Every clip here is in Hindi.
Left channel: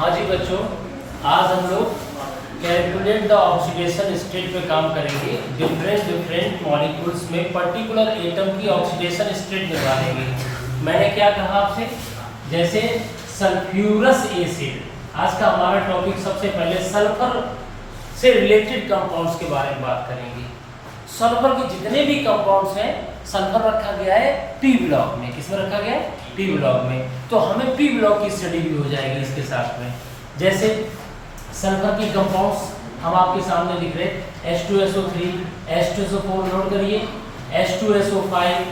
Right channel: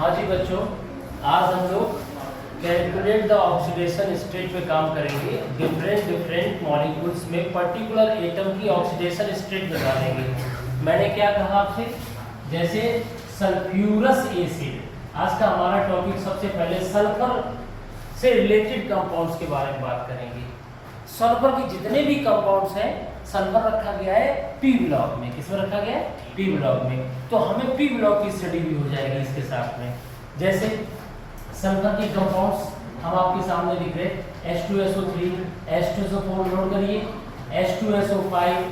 हाँ जी बच्चों, आज हम लोग कैलकुलेट द ऑक्सीडेशन स्टेट पे काम करेंगे। डिफरेंट मॉलिक्यूल्स में पर्टिकुलर एटम की ऑक्सीडेशन स्टेट निकालेंगे। मैंने क्या कहा आपसे, जैसे सल्फ्यूरस एसिड, आज का हमारा टॉपिक सबसे पहले सल्फर से रिलेटेड कंपाउंड्स के बारे में बात करेंगे। सल्फर के जितने भी कंपाउंड्स हैं, सल्फर रखा गया है पी ब्लॉक में। किसमें रखा गया है? पी ब्लॉक में। तो हमें पी ब्लॉक की स्टडी भी हो जाएगी इसके साथ में। जैसे सल्फर के कंपाउंड्स हम आपके सामने दिख रहे हैं, H2SO3, H2SO4 नोट करिए, H2SO5,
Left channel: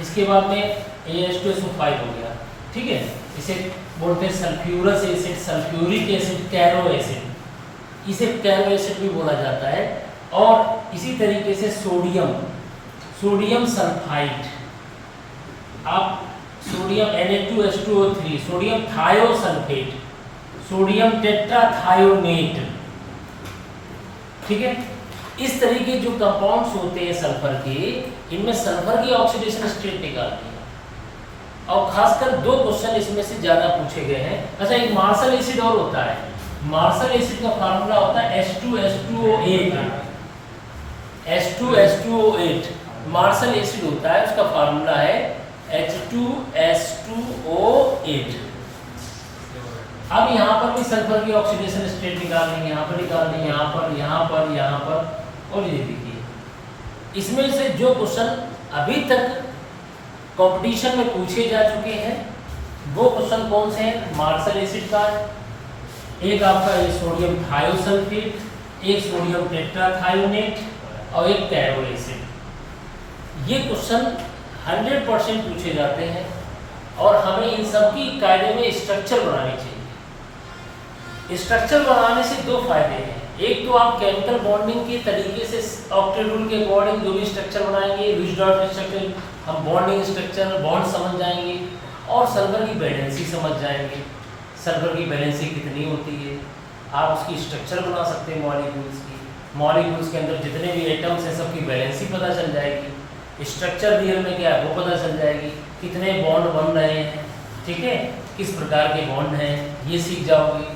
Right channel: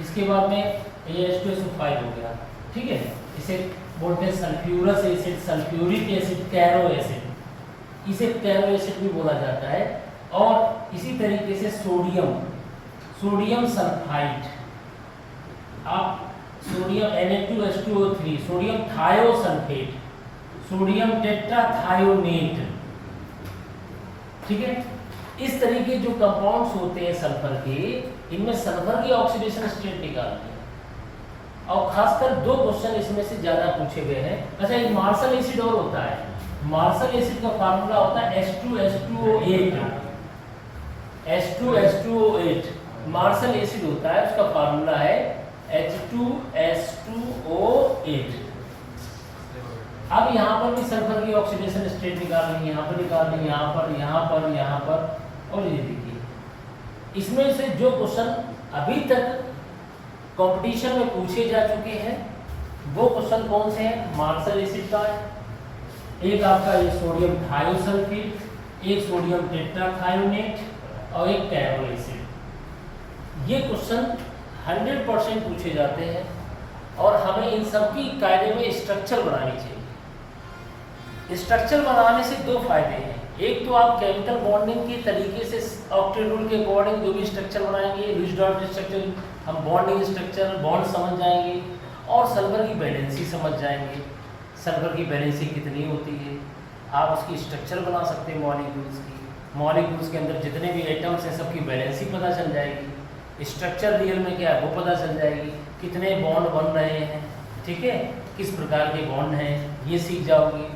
इसके बाद में ये H2SO5 हो गया, ठीक है। इसे बोलते हैं sulphurous acid, sulphuric acid, Caro acid, इसे कैरो एसिड भी बोला जाता है। और इसी तरीके से सोडियम सल्फाइड, आप sodium Na2H2O3, sodium thiosulphate, sodium tetrathionate, ठीक है। इस तरीके जो कंपाउंड्स होते हैं सल्फर के, इनमें सल्फर की ऑक्सीडेशन स्टेट निकालते हैं। और खासकर दो क्वेश्चन इसमें से ज्यादा पूछे गए हैं। अच्छा, एक मार्शल एसिड और होता है। मार्शल एसिड का फार्मूला होता है H2H2O8, H2H2O8 मार्शल एसिड होता है, उसका फार्मूला है H2H2O8। अब यहाँ पर भी सल्फर की ऑक्सीडेशन स्टेट निकालनी है, यहाँ पर निकालनी है, यहाँ पर, यहाँ पर, यहाँ पर। और ये देखिए, इसमें से जो क्वेश्चन अभी तक कंपटीशन में पूछे जा चुके हैं वो क्वेश्चन कौन से हैं? मार्शल एसिड का है, एक आपका ये सोडियम थायोसल्फेट, एक सोडियम टेट्राथायोनेट और एक कैरो एसिड। ये क्वेश्चन 100% पूछे जाते हैं और हमें इन सब की कायदे में स्ट्रक्चर बनानी चाहिए। स्ट्रक्चर बनाने से दो फायदे हैं। एक तो आप केमिकल बॉन्डिंग के तरीके से ऑक्टेट रूल के अकॉर्डिंग जो भी स्ट्रक्चर बनाएंगे, लुईस डॉट स्ट्रक्चर, हम बॉन्डिंग स्ट्रक्चर, बॉन्ड समझ जाएंगे और सल्फर की वैलेंसी समझ जाएंगे। सल्फर की वैलेंसी कितनी होती है, आप उसकी स्ट्रक्चर बना सकते हैं मॉलिक्यूल्स की। मॉलिक्यूल्स के अंदर जितने भी एटम्स हैं सबकी वैलेंसी पता चल जाएगी, स्ट्रक्चर रियल में क्या है वो पता चल जाएगी, कितने बॉन्ड बन रहे हैं, ठीक है, किस प्रकार के बॉन्ड हैं, ये सीख जाओगे।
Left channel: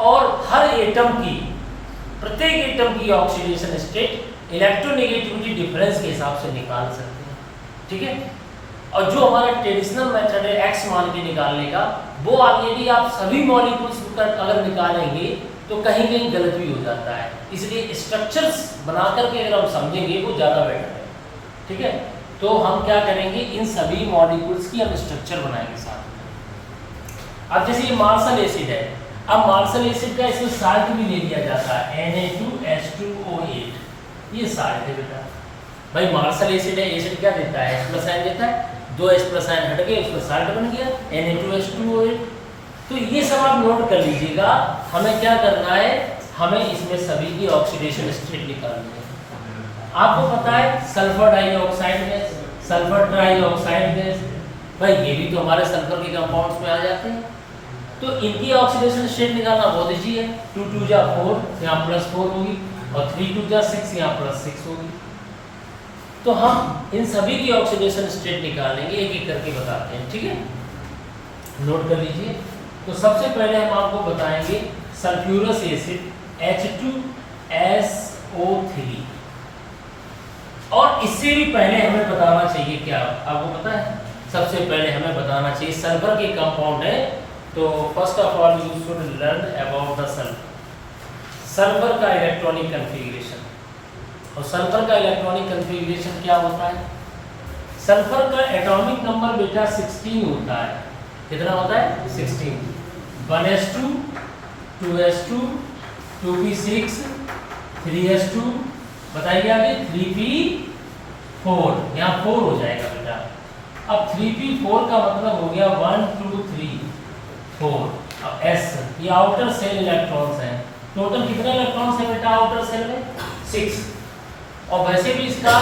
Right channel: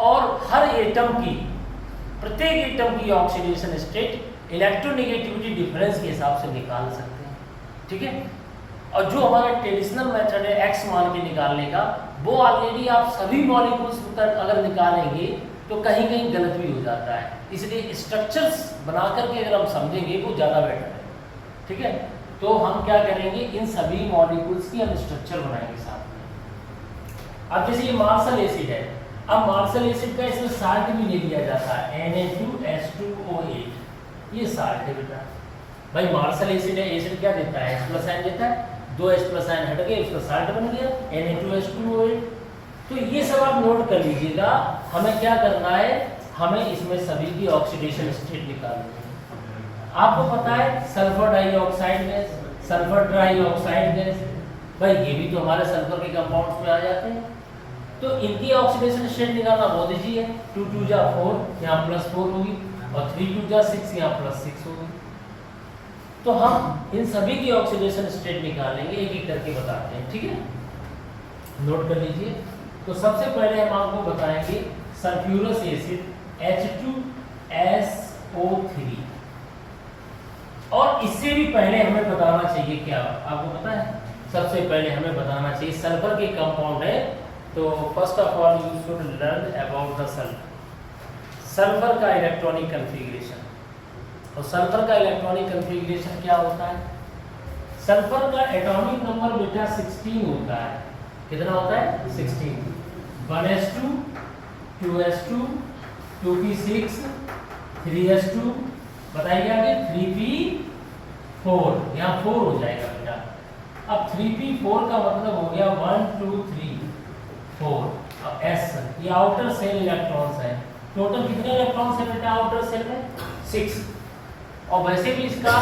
और हर एटम की, प्रत्येक एटम की ऑक्सीडेशन स्टेट इलेक्ट्रोनेगेटिविटी डिफरेंस के हिसाब से निकाल सकते हैं, ठीक है। और जो हमारा ट्रेडिशनल मेथड है एक्स मान के निकालने का, वो ऑलरेडी आप सभी मॉलिक्यूल्स पर अगर निकालेंगे तो कहीं कहीं गलत भी हो जाता है। इसलिए स्ट्रक्चर्स बना करके अगर हम समझेंगे वो ज़्यादा बेटर है, ठीक है। तो हम क्या करेंगे, इन सभी मॉलिक्यूल्स की हम स्ट्रक्चर बनाएंगे साथ में। अब जैसे ये मार्शल एसिड है, अब मार्शल एसिड का इसमें साल्ट भी ले लिया जाता है, Na2H2O8, ये साल्ट है बेटा। भाई मार्शल एसिड है, एसिड क्या देता है? H+ आयन देता है, 2 H+ आयन हट गए, उसका साल्ट बन गया Na2H2O8। तो ये सब आप नोट कर लीजिएगा। हमें क्या करना है, हमें इसमें सभी की ऑक्सीडेशन स्टेट निकालनी है। आपको पता है sulphur dioxide gas, sulphur trioxide gas, भाई ये भी तो हमारे सल्फर के कंपाउंड्स में आ जाते हैं। तो इनकी ऑक्सीडेशन स्टेट निकालना बहुत ईजी है। 2 2 जा 4, यहाँ +4 होगी, और 3 2 जा 6, यहाँ +6 होगी। तो हम इन सभी की ऑक्सीडेशन स्टेट निकालेंगे, एक एक करके बताते हैं, ठीक है। नोट कर लीजिए। तो सबसे पहले हम आपको बताएंगे सल्फ्यूरस एसिड H2SO3। और इससे भी पहले हमें बताना चाहिए क्या, आपको पता है? सबसे पहले हमें बताना चाहिए सल्फर के कंपाउंड है। तो first of all you should learn about the sulphur का इलेक्ट्रॉनिक कन्फिग्रेशन। और सल्फर का इलेक्ट्रॉनिक कन्फिग्रेशन क्या होता है? सल्फर का एटॉमिक नंबर बेटा 16 होता है। कितना होता है? 16। 1s2, 2s2, 2p6, 3s2, बताइए आगे 3p4, यहाँ 4 हो जाएगा बेटा। अब 3p4 का मतलब हो गया 1 2 3 4। अब s, ये आउटर सेल इलेक्ट्रॉन्स हैं। टोटल कितने इलेक्ट्रॉन्स हैं बेटा आउटर सेल में? 6। और वैसे भी इसका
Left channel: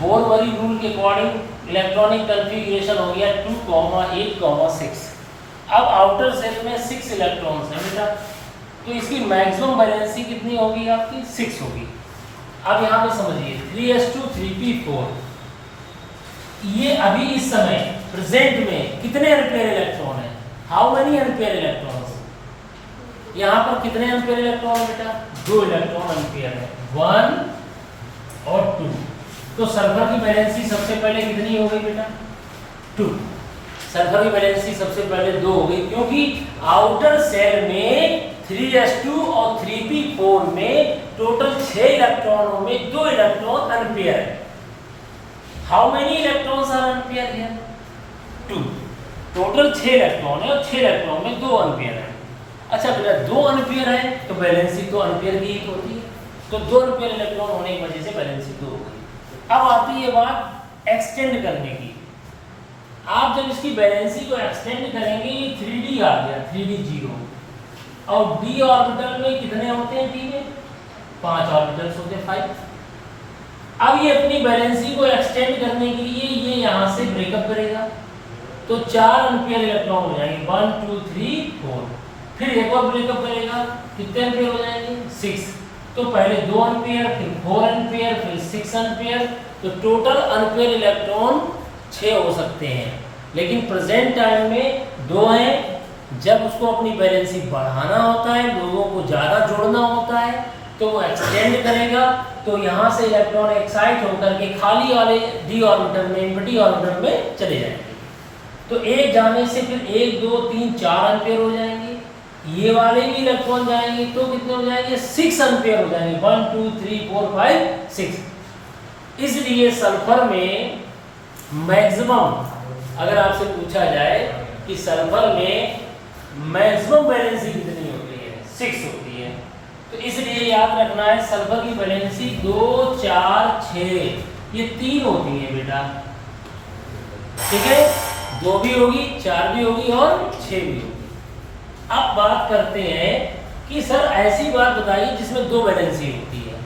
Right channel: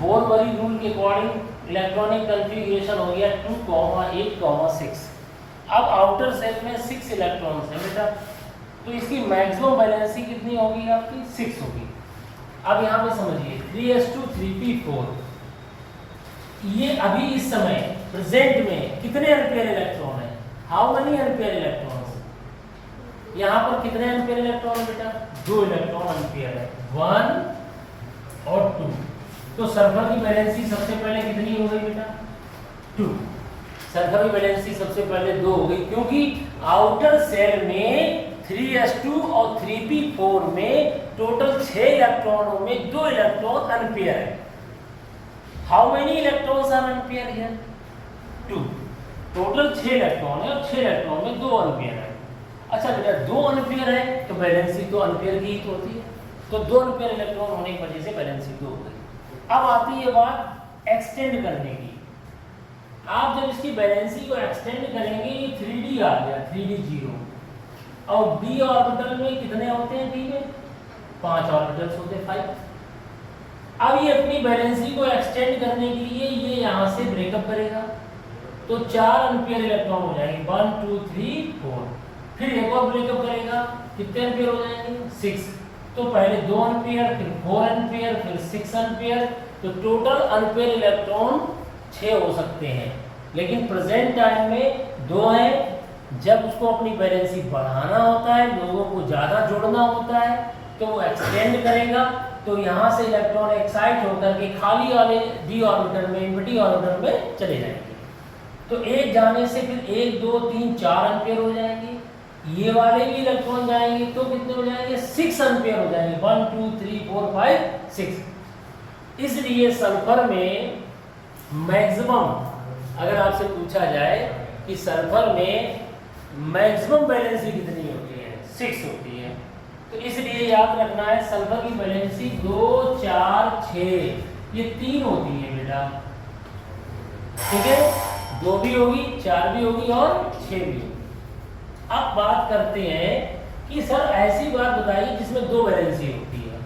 बोर-वरी रूल के अकॉर्डिंग इलेक्ट्रॉनिक कन्फिग्रेशन हो गया 2,8,6। अब आउटर सेल में 6 इलेक्ट्रॉन्स हैं बेटा, तो इसकी मैक्सिमम वैलेंसी कितनी होगी आपकी? 6 होगी। अब यहाँ पे समझिए 3s2 3p4, ये अभी इस समय प्रेजेंट में कितने अनपेयर इलेक्ट्रॉन है? How many unpair electrons? यहाँ पर कितने अनपेयर इलेक्ट्रॉन है बेटा? 2 इलेक्ट्रॉन अनपेयर है, 1 और 2। तो सल्फर की वैलेंसी सबसे पहले कितनी हो गई बेटा? 2। सल्फर की वैलेंसी सबसे पहले 2 हो गई, क्योंकि आउटर शेल में 3s2 और 3p4 में टोटल 6 इलेक्ट्रॉनों में 2 इलेक्ट्रॉन अनपेयर है। How many electrons are unpair here? 2। Total 6 electron है और 6 इलेक्ट्रॉन में 2 अनपेयर है। अच्छा बेटा 2 अनपेयर है तो वैलेंसी तो अनपेयर की ही होती है, तो 2 अनपेयर इलेक्ट्रॉन होने की वजह से वैलेंसी 2 हो गई। अब आती है बात एक्सटेंड करने की। आप जब इसकी वैलेंसी को एक्सटेंड करेंगे, 3d आ गया, 3d 0, और d ऑर्बिटल में कितने होते हैं? d में 5 ऑर्बिटल्स होते हैं, 5। अब ये अपनी वैलेंसी को एक्सटेंड करने के लिए ये यहाँ से ब्रेकअप करेगा, तो 4 अनपेयर इलेक्ट्रॉन हो जाएंगे, 1 2 3 4। फिर एक और ब्रेकअप करेगा, कितने अनपेयर हो जाएंगे? 6। तो पहले 2 अनपेयर, फिर 4 अनपेयर, फिर 6 अनपेयर, तो टोटल अनपेयर इलेक्ट्रॉन 6 हो सकते हैं। लेकिन प्रेजेंट टाइम में 2 हैं। जब उसको अपनी वैलेंसी बढ़ाना होता है, लोगों को ज़्यादा जोड़ना होता है, तो वो एक्सटेंड करेगा, तो यहाँ से इलेक्ट्रॉन एक्साइट होकर के खाली वाले d ऑर्बिटल में, इनवर्टी ऑर्बिटल में चले जाएंगे। तो एक जाने से फिर 1 2 3 4 अनपेयर हो जाएंगे। ये वाले भी इलेक्ट्रॉन जाएंगे तो कितने हो जाएंगे? 6 अनपेयर हो जाएंगे, 1 2 3 4 5 6। इसलिए सल्फर में मैक्सिमम, अगर आपसे पूछा जाए कि सल्फर में मैक्सिमम वैलेंसी कितनी होती है? 6 होती है। तो इसलिए याद रखना है सल्फर की वैलेंसी 2 4 6 ये 3 होती है बेटा, ठीक है? 2 भी होगी, 4 भी होगी और 6 भी होगी। अब बात करते हैं कि सर ऐसी बात बताइए जिसमें 2 वैलेंसी होती है।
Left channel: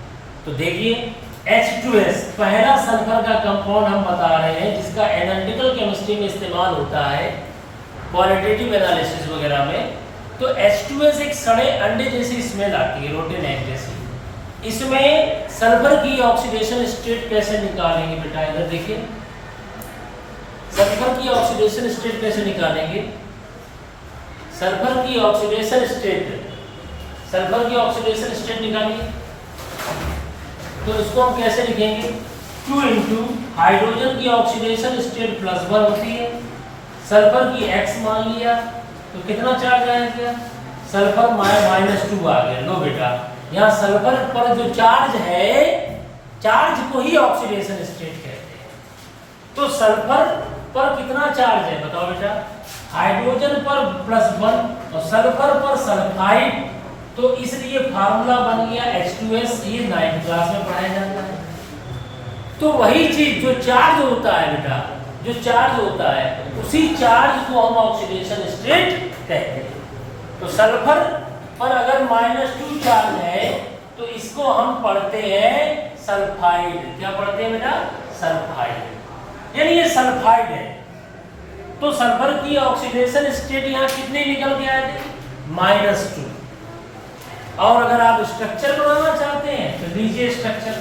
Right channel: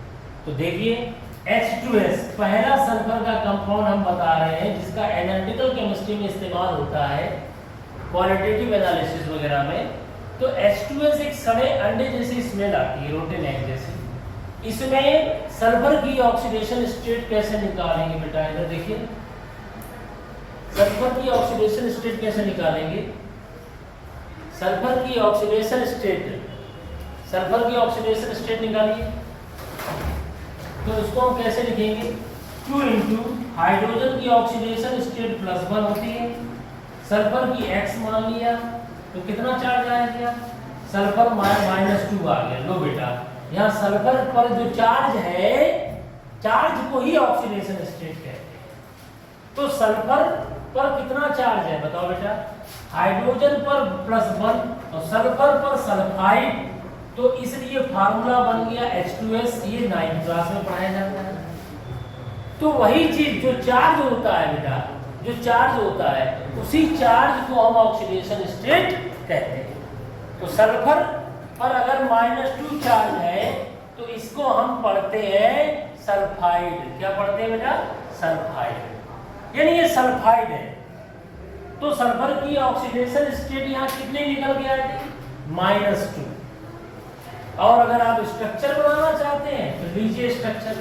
तो देखिए H2S पहला सल्फर का कंपाउंड हम बता रहे हैं, जिसका एनालिटिकल केमिस्ट्री में इस्तेमाल होता है, क्वालिटेटिव एनालिसिस वगैरह में। तो H2S एक सड़े अंडे जैसी स्मेल आती है, रोटेन एग जैसी। इसमें सल्फर की ऑक्सीडेशन स्टेट कैसे निकालेंगे बेटा? इधर देखिए, सल्फर की ऑक्सीडेशन स्टेट कैसे निकालेंगे? सल्फर की ऑक्सीडेशन स्टेट, सल्फर की ऑक्सीडेशन स्टेट निकालेंगे तो इसको हम कैसे लिखेंगे? 2 इंटू हाइड्रोजन की ऑक्सीडेशन स्टेट +1 होती है, सल्फर की x मान लिया, तो कितना चार्ज आ गया? सल्फर -2 आ गया। लो बेटा, यहाँ सल्फर पर जो चार्ज है, चार्ज को ही ऑक्सीडेशन स्टेट कहते हैं। तो सल्फर पर कितना चार्ज है बताओ बेटा? हाइड्रोजन पर +1 और सल्फर पर सल्फाइड, तो इसलिए फार्मूला बन गया H2S। ये 9th क्लास में पढ़ाया जाता है। तो वही चीज जो चार्ज होता है बेटा, जो चार्ज होता है, उसी चार्ज को हम ऑक्सीडेशन स्टेट कहते हैं। तो सल्फर पर अगर -2 चार्ज है तो इसको हम पढ़ते हैं सल्फाइड। क्या पढ़ते हैं बेटा? सल्फाइड, यानी ये सल्फाइड है। तो सल्फर की ऑक्सीडेशन स्टेट यहाँ कितने निकल के आए थे? -2। और अगर आप स्ट्रक्चर बनाना चाहते हैं तो लीजिए स्ट्रक्चर।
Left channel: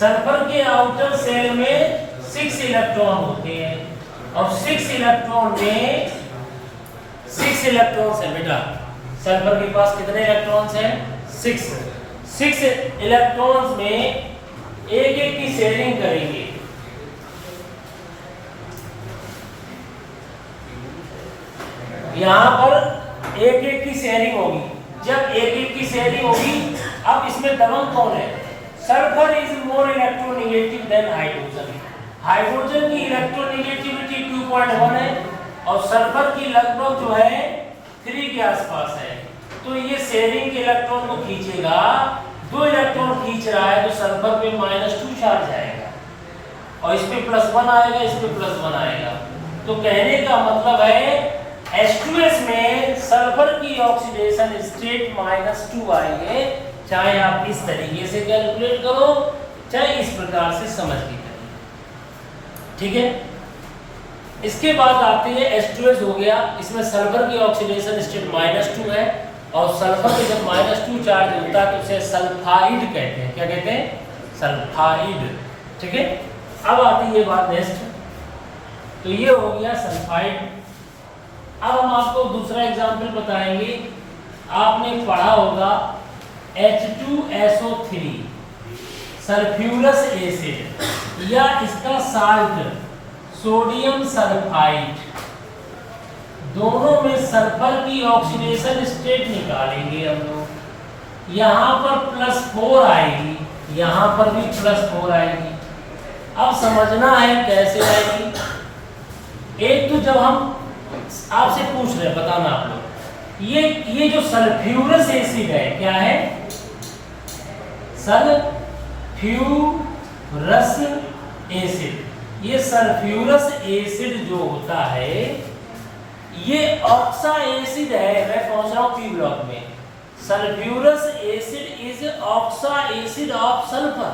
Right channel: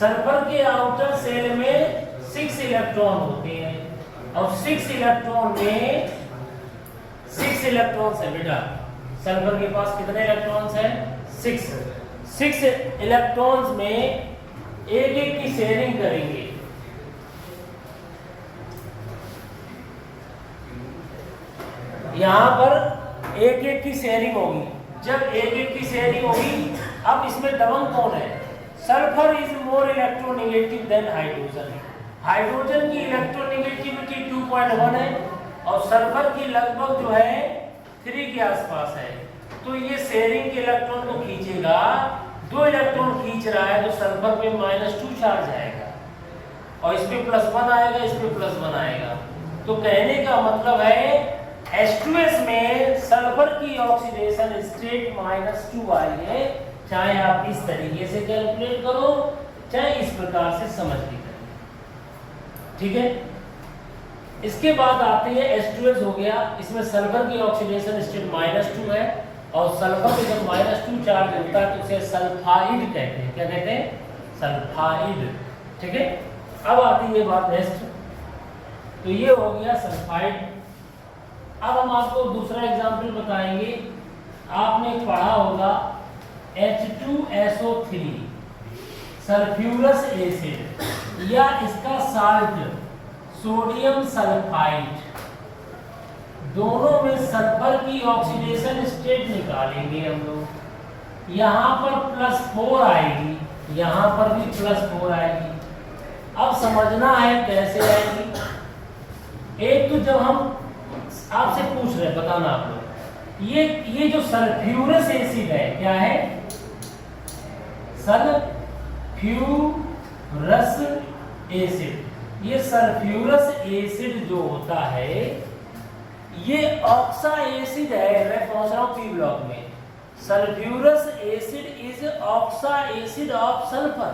सल्फर के आउटर शेल में 6 इलेक्ट्रॉन होते हैं और 6 इलेक्ट्रॉन में 6 इलेक्ट्रॉन्स है बेटा। सल्फर के पास कितने इलेक्ट्रॉन्स हैं? 6 इलेक्ट्रॉन्स में एक एक की शेयरिंग करेंगे। यहां पर एक एक की शेयरिंग होगी। जब एक एक की शेयरिंग होगी, अब इसमें दबंग कौन है? Sulphur is more electronegative than hydrogen. Hydrogen की इलेक्ट्रोनेगेटिविटी 2.1 है और सल्फर की लगभग जो है 3 के आसपास है। तो ये शेयरिंग के इलेक्ट्रॉन को खींचेगा, 2 इलेक्ट्रॉन खींच रहा है तो सल्फर पे -2 चार्ज आएगा और इस पे +1 आएगा, इस पे +1 आएगा। तो कहने का मतलब है H2S में सल्फर की ऑक्सीडेशन स्टेट -2 आई है। चाहे आप इस तरीके से कैलकुलेट करो, चाहे इस प्रकार से समझ के करिए, ठीक है? इसके बाद आते हैं H2S हो गया, इसमें सल्फर की ऑक्सीडेशन स्टेट -2 है और सल्फर पे जब -2 चार्ज होता है तो उसे सल्फाइड कहते हैं। क्या कहते हैं? सल्फाइड, ठीक है? अब आती है बात नेक्स्ट, तो ये हो गया सल्फाइड। अब हम आपको दूसरा एग्जाम्पल बताएंगे। आपने पढ़ा होगा H2SO3 सल्फ्यूरस एसिड या इसका साल्ट सोडियम सल्फाइड, दोनों में सल्फर की ऑक्सीडेशन स्टेट निकालेंगे हम लोग। यहाँ पर +4 आएगी, यहाँ पर भी +4 आएगी। अब समझना है कैसे आएगी। एक तो जब हम आपसे पूछ रहे हैं, बताना आप लोग, ये जो सल्फ्यूरस एसिड है क्या है? Sulphurous acid. ये सल्फ्यूरस एसिड जो होता है ये ऑक्सा एसिड है। मैं पहुंच रहा हूं पी ब्लॉक में। Sulphurous acid is oxa acid of sulphur.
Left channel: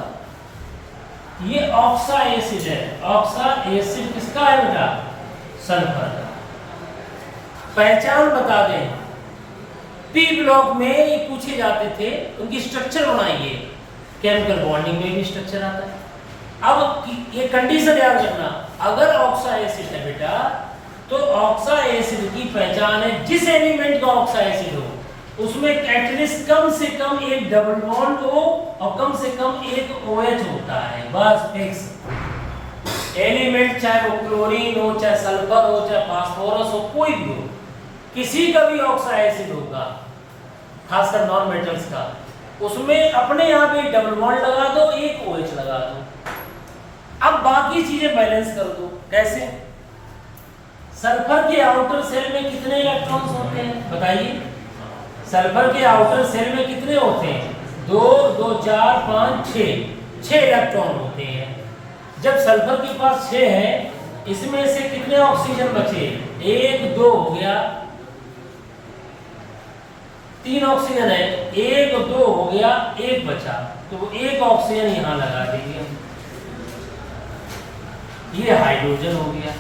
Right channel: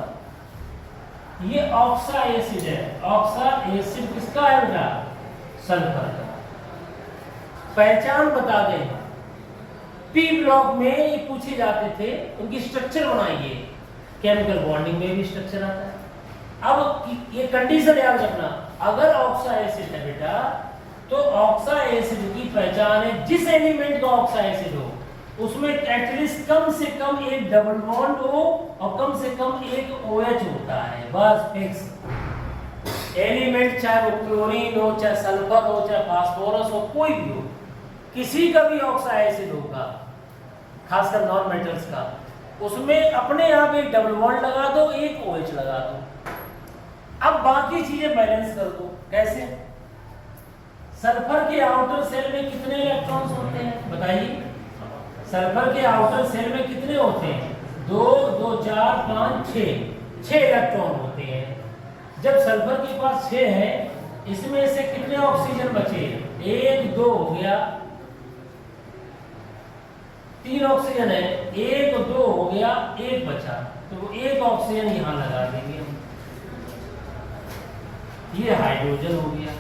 ये ऑक्सा एसिड है। ऑक्सा एसिड किसका है बेटा? सल्फर का। पहचान बता दें, पी ब्लॉक में ये पूछे जाते थे, उनकी स्ट्रक्चर बनाइए। केमिकल बॉन्डिंग में भी स्ट्रक्चर आता है। अब ये कंडीशन याद रखना, अगर ऑक्सा एसिड है बेटा तो ऑक्सा एसिड की पहचान है जिस एलिमेंट का ऑक्सा एसिड हो उसमें एटलीस्ट कम से कम एक डबल बॉन्ड हो और कम से कम एक OH होता है, बस फिक्स। एलिमेंट चाहे वो क्लोरीन हो, चाहे सल्फर हो, चाहे फास्फोरस हो, कोई भी हो, किसी का भी ऑक्सा एसिड होगा, खासकर नॉन मेटल्स का, उसमें अपने आप एक डबल बॉन्ड लगा दो, एक OH लगा दो। अब बाकी चीजें बैलेंस कर दो। कैसे? सल्फर के आउटर सेल में कितने इलेक्ट्रॉन्स होते हैं बताइए? सल्फर के आउटर सेल में कितने होते हैं? 2 2 4 5 6 इलेक्ट्रॉन होते हैं। जब सल्फर के पास 6 है, इसमें से कितने ऑक्सीजन बचे? 1 2 हो गया, 3 ऑक्सीजन है, 1 2 हो गया, 1 बचा, तो 1 ऑक्सीजन यहां लगा देंगे। ये हाइड्रोजन हो गया।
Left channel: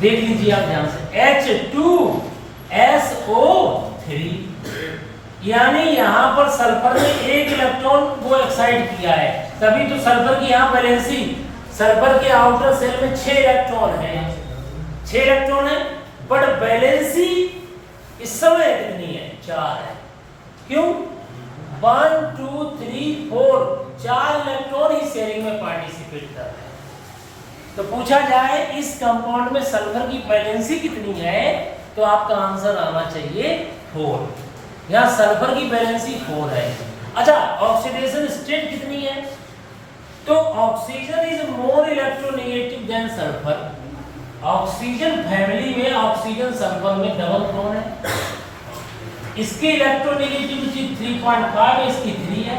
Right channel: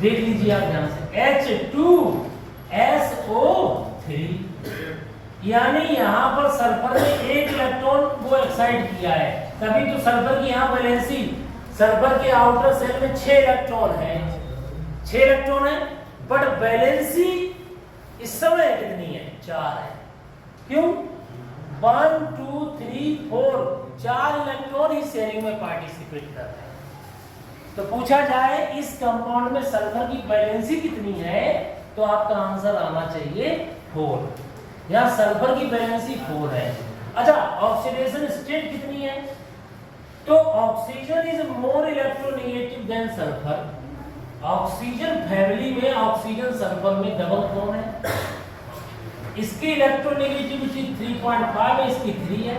देख लीजिए आप ध्यान से, H2SO3, यानी यहां पर सल्फर ने 1 इलेक्ट्रॉन को एक्साइट किया है, तभी तो सल्फर की यहां बैलेंसी। सल्फर के आउटर सेल में 6 इलेक्ट्रॉन है, 6 इलेक्ट्रॉन है, बट बैलेंसी इस समय कितनी है? 4 है। क्यों? 1 2 3 4 4 इलेक्ट्रॉन ही शेयरिंग में पार्टिसिपेट कर रहे हैं। तो पूछा जाए इस कंपाउंड में सल्फर की बैलेंसी कितनी है, तो आपका आंसर आना चाहिए 4। यहां सल्फर की बैलेंसी 4 है। अच्छा, ऑक्सीडेशन स्टेट कितनी है? तो oxygen is more electronegative than sulphur. Oxygen family में ऑक्सीजन सल्फर में डबल बॉन्ड है। इसकी इलेक्ट्रोनेगेटिविटी 3.5 है, इसकी 3 है।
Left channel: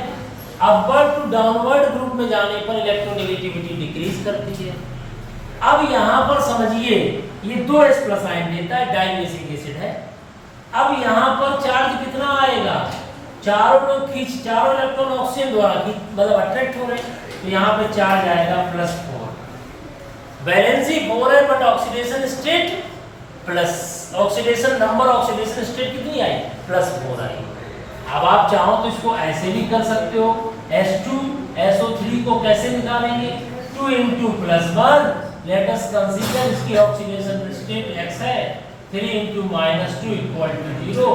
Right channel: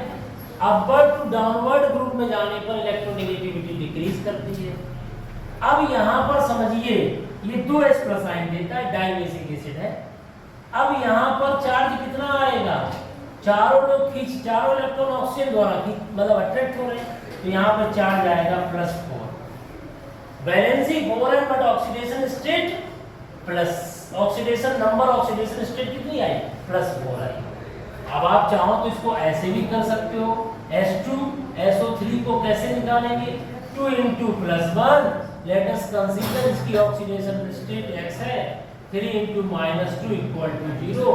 अपवर्ड टू डाउनवर्ड ग्रुप में जाने पर इलेक्ट्रोनेगेटिविटी डिक्रीज करती है। अब यहां पर समझिए, ये 2S+ आयन देता है, डाइमेसिक एसिड है। अब यहां पर चार्ज कितना आएगा? चारों इलेक्ट्रॉन ऑक्सीजन द्वारा मतलब अट्रैक्ट हो रहे हैं, तो यहां पे चार्ज आएगा +4। बैलेंसी 4 है, but oxidation state plus, oxidation number, oxidation state कितनी आई? +4 आई। अब आप चाहो तो इसको ऐसे भी कर सकते हो। H2SO3 को कैसे निकालेंगे? 2 × +1, लेट अस कंसीडर इसकी ऑक्सीडेशन स्टेट x है, 3 × -2 = 0,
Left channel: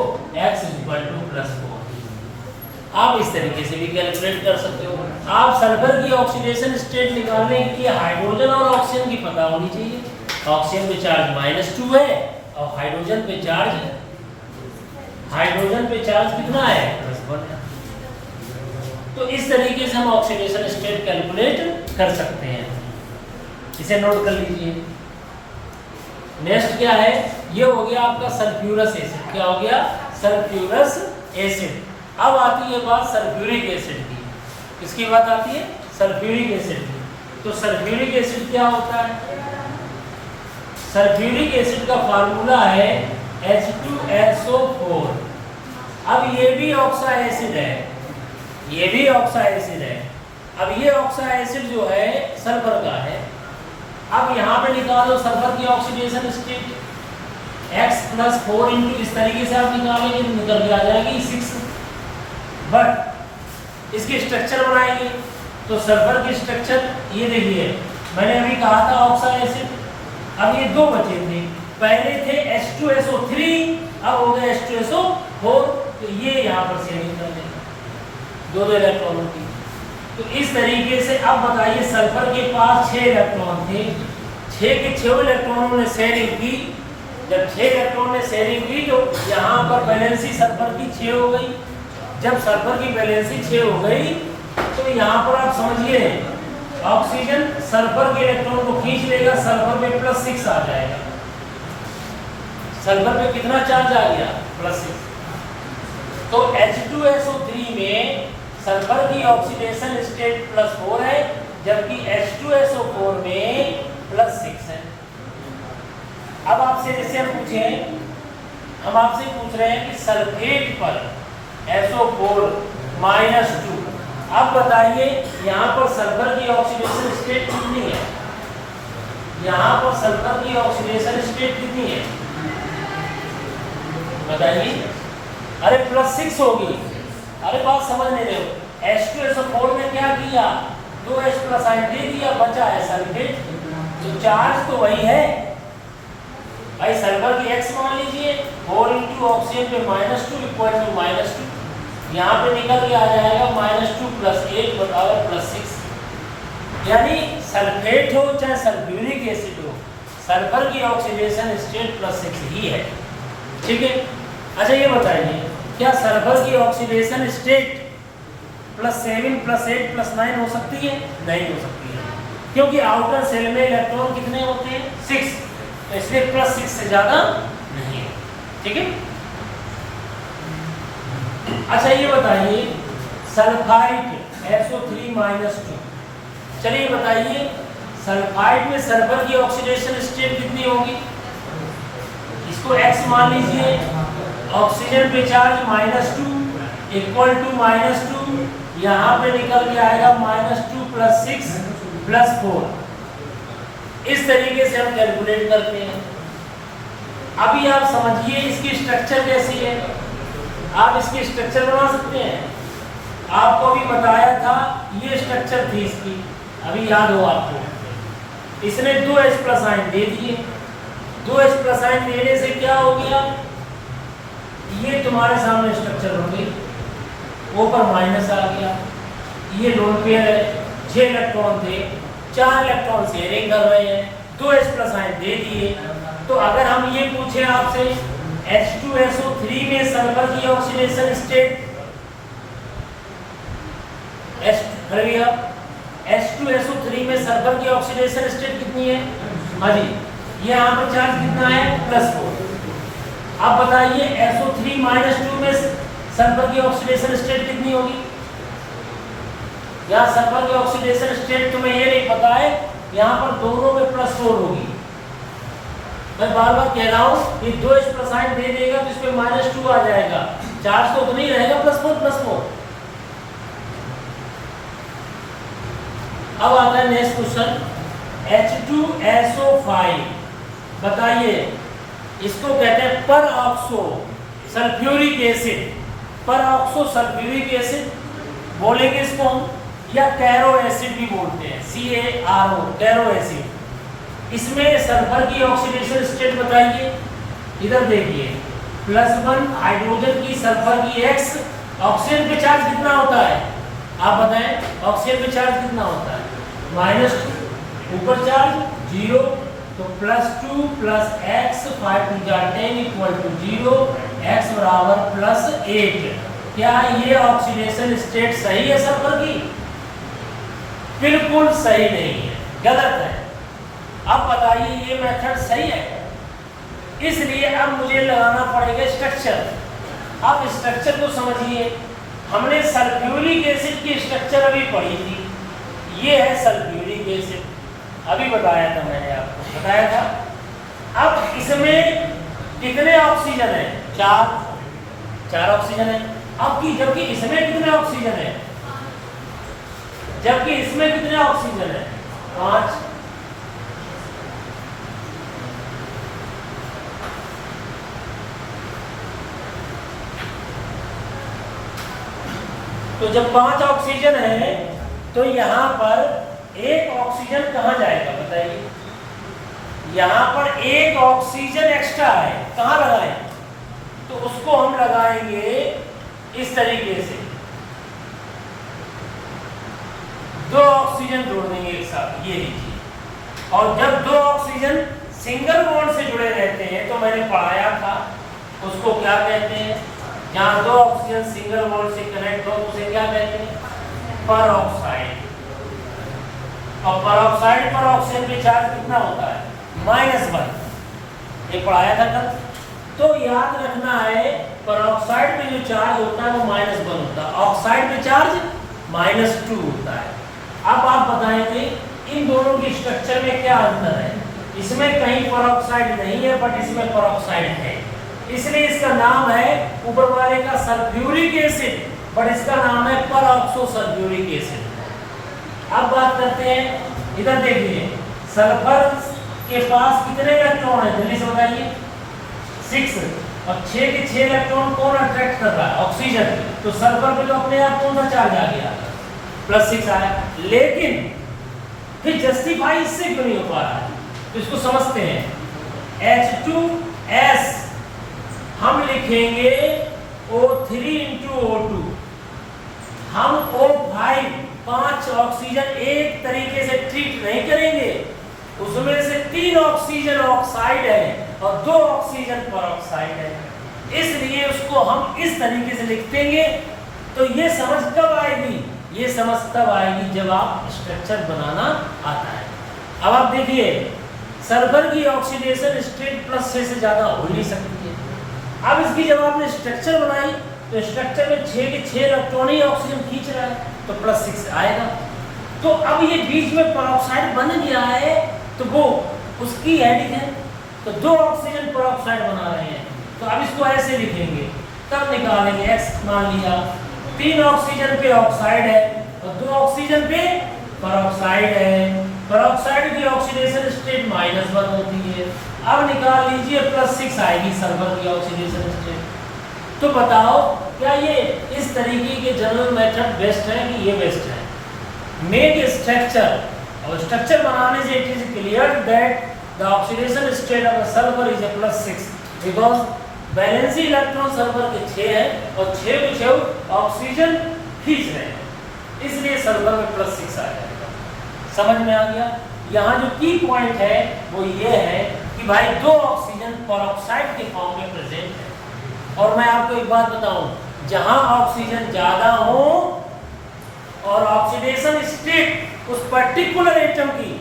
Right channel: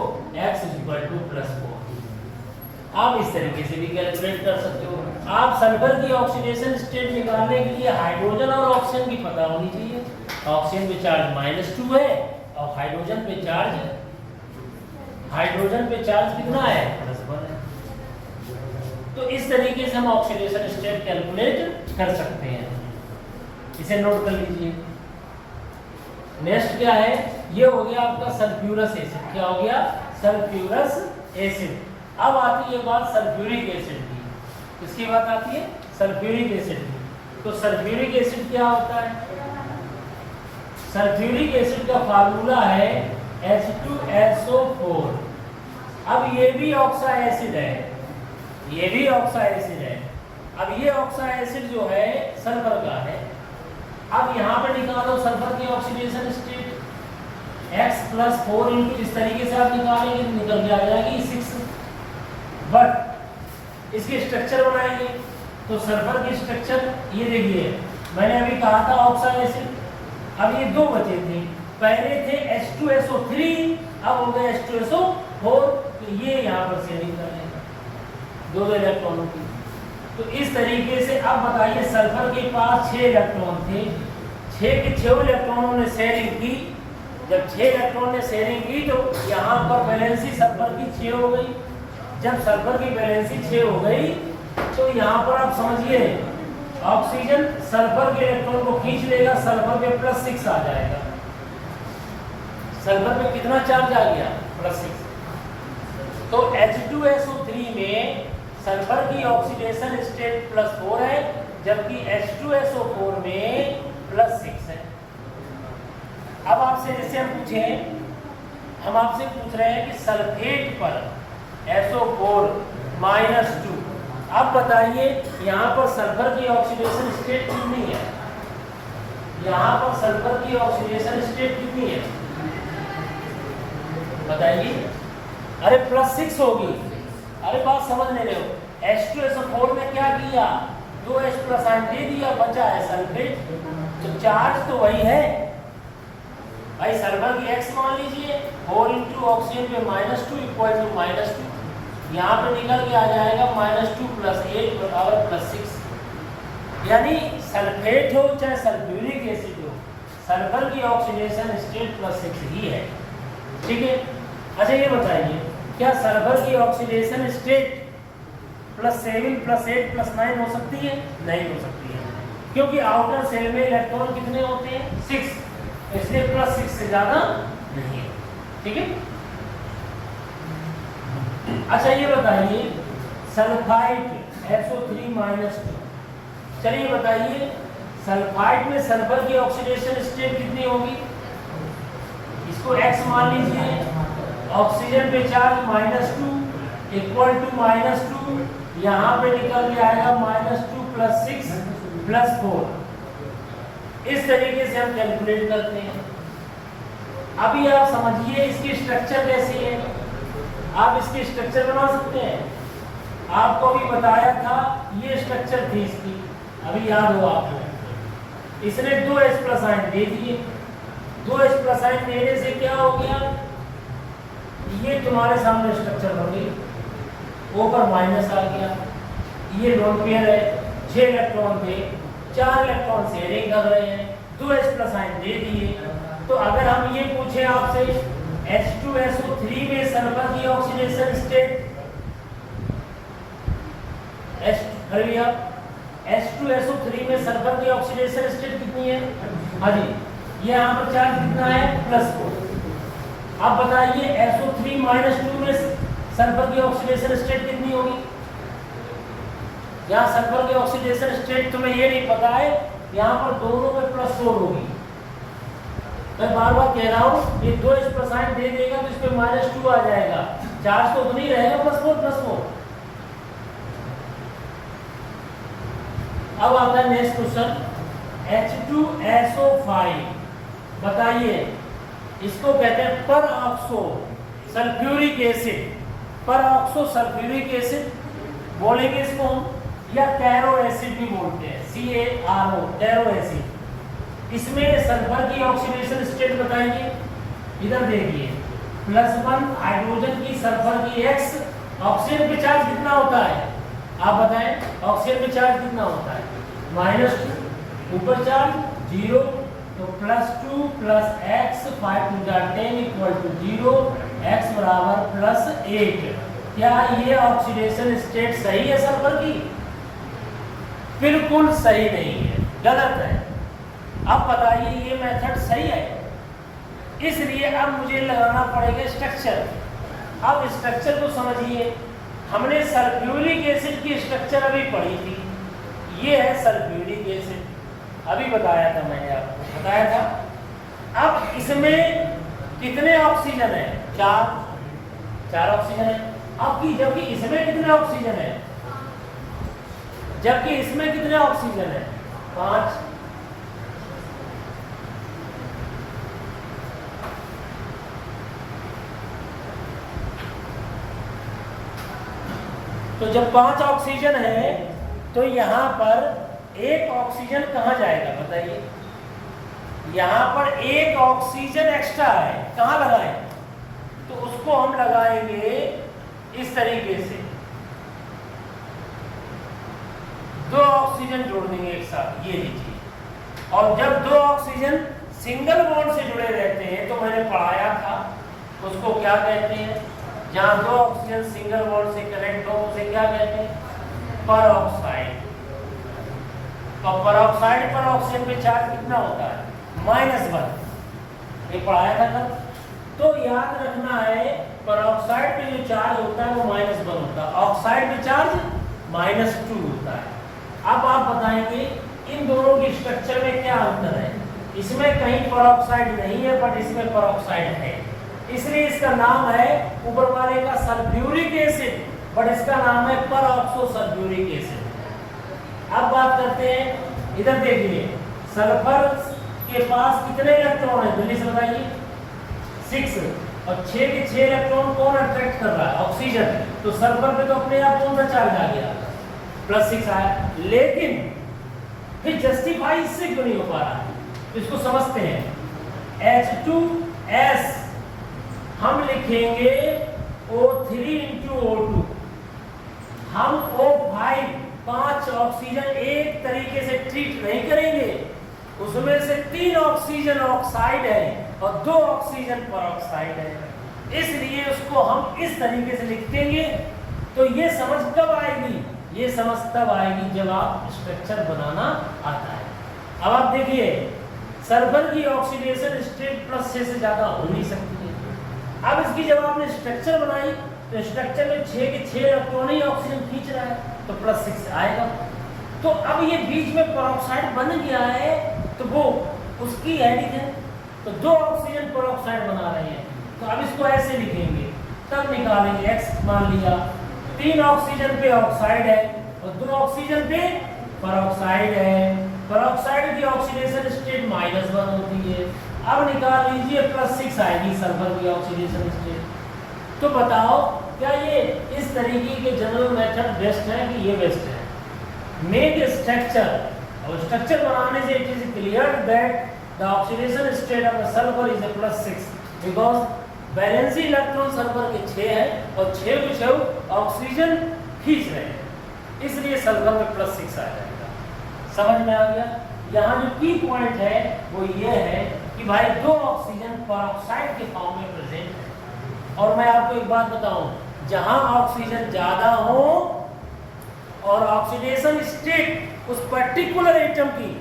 x +4। आप इस तरीके से भी कैलकुलेट कर सकते हो। आप सल्फर की ऑक्सीडेशन स्टेट निकालने के लिए हाइड्रोजन और ऑक्सीजन की पता होनी चाहिए। ऑक्सीजन पे चार्ज -2 है और हाइड्रोजन पे चार्ज कितना है? +1 है। तो इस तरीके से हम ऑक्सीडेशन स्टेट कैलकुलेट कर सकते हैं। इसे नोट कर लीजिए। नेक्स्ट क्या है? ये हो गया आपका सल्फ्यूरस एसिड। क्या हो गया? Sulphurous acid. अब आती है बात सल्फ्यूरिक एसिड की। किसकी बात आती है? सल्फ्यूरिक एसिड की। तो सल्फ्यूरिक एसिड क्या होता है? सल्फ्यूरिक एसिड का फार्मूला है H2SO4। अब ये भी ऑक्सा एसिड है, ये भी ऑक्सा एसिड है। अब ये ऑक्सा एसिड जो है सल्फर का है। अब यहाँ पे निकालो सल्फर की ऑक्सीडेशन स्टेट, x + 4 × इस तरीके से आप निकालेंगे तो निकल के आ जाएगी 6। बट इसकी स्ट्रक्चर बनाएंगे तो सल्फर की स्ट्रक्चर ये देखिए, मैंने अभी कहा था ऑक्सा एसिड। अब ये 2 बचे थे, पहले थे H2SO3, अब हो गए H2SO4। तो ये यहाँ पर शेयरिंग कर देगा दो इलेक्ट्रॉनों की। तो इस तरीके से अब बताइए सल्फर के पास 6 इलेक्ट्रॉन थे, 6 के 6 इलेक्ट्रॉनों ने शेयरिंग की। जब 6 इलेक्ट्रॉन ने शेयरिंग की तो यहाँ पर वैलेंसी सल्फर की 6 हो गई। जब सल्फर की वैलेंसी 6 हो गई तो यहाँ पर आप समझिए ऑक्सीजन सल्फर के इलेक्ट्रॉन को खींच लेगा, सल्फर पे +6 आ जाएगा। सल्फर पे कितना चार्ज आ गया? +6। तो H2SO3 में सल्फर की ऑक्सीडेशन स्टेट +4 है, जबकि H2SO4 में +6 है। अब आपसे जैसे हम आपसे पूछ रहे हैं कि सल्फेट पर SO4 -2, अब बताइए यहाँ पर सल्फर की ऑक्सीडेशन स्टेट कितनी है? यहाँ पर सल्फर की ऑक्सीडेशन स्टेट कितनी है बताइए? अरे +6 होगी। अरे बात समझ नहीं रहे हो। H2SO4 ने क्या किया? 2H+ आयन दे दिया, बचा है सल्फेट। तो चार्ज तो वही है भाई, सल्फर की X मान लीजिए, 4 × ऑक्सीजन पे -2 = -2, यहाँ पे निकल के आ जाएगा -2 + 8 बराबर +6। यानी सल्फेट हो चाहे सल्फ्यूरिक एसिड हो, सल्फर की ऑक्सीडेशन स्टेट +6 ही है। ठीक है। अच्छा ये बताइए क्या सल्फर की ऑक्सीडेशन स्टेट +7 +8 +9 हो सकती है? नहीं हो सकती है, क्योंकि आउटर सेल में इलेक्ट्रॉन कितने होते हैं? 6, इसलिए +6 से ज्यादा नहीं है। ठीक है। अच्छा ये बताइए सल्फाइड SO3-2, चलिए बताइए सल्फाइड में सल्फर की ऑक्सीडेशन स्टेट कितनी होगी? इसको X मान लीजिए, ऑक्सीजन पे चार्ज -2 = -2, यहाँ पे निकल के आएगा -2 + 6 + 4। इस तरीके से हम कैलकुलेट करते हैं। अभी आप समझिए इसकी स्ट्रक्चर कैसी है। आप इसकी स्ट्रक्चर बना सकते हैं। आपको अभी बताया था ये स्ट्रक्चर थी इसकी, अभी याद हो आपको। इसने 2H+ आयन दे दिए, 2H+ आयन देने से क्या हो गया? ये तुम्हारे सामने स्ट्रक्चर बन गई, ऊपर माइनस आ गया। ये लोन पेयर है, 6 इलेक्ट्रॉन थे, 4 इलेक्ट्रॉन शेयरिंग कर रहे हैं, 2H+ आयन दे दिए। तो अगर हम ये पूछें आपसे H2SO3 में सल्फर की ऑक्सीडेशन स्टेट H2SO3 में सल्फर की ऑक्सीडेशन स्टेट कितनी है? हाँ जी, ये यहाँ पर चार्ज कितना है? +4। अब बताइए SO3-2 में सल्फर की ऑक्सीडेशन स्टेट कितनी होगी? यहाँ सल्फर की ऑक्सीडेशन स्टेट तुम्हें ये नहीं पता है, यहाँ पर दोनों में +4 होगी। मैं बार बार कह रहा हूँ कि 2H+ आयन दे देगा तो इस पे -2 आ जाएगा, चार्ज तो उतना ही रहेगा, +4। अब आता है नेक्स्ट क्वेश्चन, H2SO5, बताइए इसको कहते हैं peroxo sulphuric acid. Peroxo sulphuric acid बोलेंगे इसको हम, या कैरो एसिड भी बोलते हैं, CaRO, कैरो एसिड। इसमें सल्फर की ऑक्सीडेशन स्टेट बताइए। इधर देखिए +1 हाइड्रोजन की सल्फर की X, ऑक्सीजन पे चार्ज कितना होता है आप बताएं? ऑक्सीजन पे चार्ज कितना होता है? -2, ऊपर चार्ज 0, तो +2 + X 5 × 10 = 0, X बराबर +8। क्या ये ऑक्सीडेशन स्टेट सही है सल्फर की? बिल्कुल सही नहीं है, गलत है। अब बताइए ये मेथड सही है? इसलिए अब मुझे लगाना पड़ेगा स्ट्रक्चर। अब स्ट्रक्चर को समझिए। हमने सल्फ्यूरिक एसिड की स्ट्रक्चर अभी पढ़ी थी, ये है सल्फ्यूरिक एसिड, अभी बताया था मैंने आपको, बताया था। अब इसमें कितने ऑक्सीजन है? 4 ऑक्सीजन है। अब की जबकि इसमें कितने ऑक्सीजन है? जबकि इसमें कितने ऑक्सीजन है? 5। तो जब 5 ऑक्सीजन है तो यहाँ पर 1 ऑक्सीजन कहाँ जाएगा बताइए? यहाँ पर 1 ऑक्सीजन एक्स्ट्रा है, कहाँ लगाएं? तो उसको हम लगाएंगे इस तरीके से 2 ऑक्सीजन जोड़ देंगे एक साथ, ये लीजिए। और जब 2 ऑक्सीजन सिंगल बॉन्ड से जुड़े रहते हैं तो मैंने पढ़ाया था उसको क्या कहते हैं, जहां 2 ऑक्सीजन सिंगल बॉन्ड से कनेक्ट हो उसे क्या कहते हैं, परऑक्साइड। और परऑक्साइड पर ऑक्सीजन पे चार्ज कितना होता है, -1, ये पढ़ाया था कल। तो याद रखना है परऑक्साइड पे जो चार्ज होता है वो -1 होता है, ऑक्साइड पे चार्ज -2 होता है। अब आप बताएंगे इन दोनों की स्ट्रक्चर में क्या अंतर है। इसमें कहीं परऑक्साइड नहीं है बट इसमें परऑक्साइड है, इसलिए इसका नाम है, ऊपर वाले का सल्फ्यूरिक एसिड बट इसका नाम है परऑक्सो सल्फ्यूरिक एसिड। अब बात करते हैं, इधर देखिए सल्फर के पास कितने इलेक्ट्रॉन है, जल्दी से बताइए, 6। और 6 के 6 इलेक्ट्रॉन कौन अट्रैक्ट कर रहा है, ऑक्सीजन। तो सल्फर पे तो अपने आप कौन सा चार्ज आ गया, +6 आया। लेकिन फिर जस्टिफाई इससे क्यों नहीं हो पा रहा है, तो इसको समझते हैं। H2S हम लिखेंगे O3 × O2। हम O5 5 ऑक्सीजन एक तरीके से ट्रीट नहीं करेंगे, उसमें से 3 ऑक्सीजन ऑक्साइड है और 2 ऑक्सीजन परऑक्साइड है, इसलिए उसको हम इस तरीके से लिख देंगे। तो ये समझ कब आएगी, ये समझ तब आएगी जब आप स्ट्रक्चर बनाना आता है। अब आप देखिए सल्फर की ऑक्सीडेशन स्टेट +6 से ज्यादा हो नहीं सकती है। अब इसकी जब आपने स्ट्रक्चर बनाई तो स्ट्रक्चर में 6 के 6 इलेक्ट्रॉन ही ऑक्सीजन खींच रहा है तो +6 आएगा। तो अब ये बीच में परऑक्साइड बन गया है तो वो उसकी हेडिंग है, तो 2 ऑक्सीजन परऑक्साइड बना रहे हैं, तो अब इसको ऐसे लिखेंगे, तब निकालेंगे। X मान लिया 3 ऑक्सीजन पे ऑक्साइड है और 2 ऑक्सीजन पे परऑक्साइड है। परऑक्साइड की ऑक्सीडेशन स्टेट -1 होती है। अब निकाल लीजिए +6 आएगी सल्फर की ऑक्सीडेशन स्टेट। तो बताओ क्या ये इस तरीके के जनरल मेथड बेस्ट है कि ये बेस्ट है। मेक स्ट्रक्चर, और स्ट्रक्चर बनाने से it is clear that the oxidation state of sulphur is +6 because valency electron sulphur के 6 है और 6 के 6 ऑक्सीजन खींच रहे हैं, इसलिए सल्फर में +6 आ जाएगा। समझ में आ गया। यहाँ जो की पॉइंट है वो ये है कि भाई 2 ऑक्सीजन परऑक्साइड के फॉर्म में प्रेजेंट है। और मैं आपको एक बात बताऊं, जहां ऑक्सीजन ज्यादा हो और ऑक्सीडेशन स्टेट उस पर्टिकुलर एटम की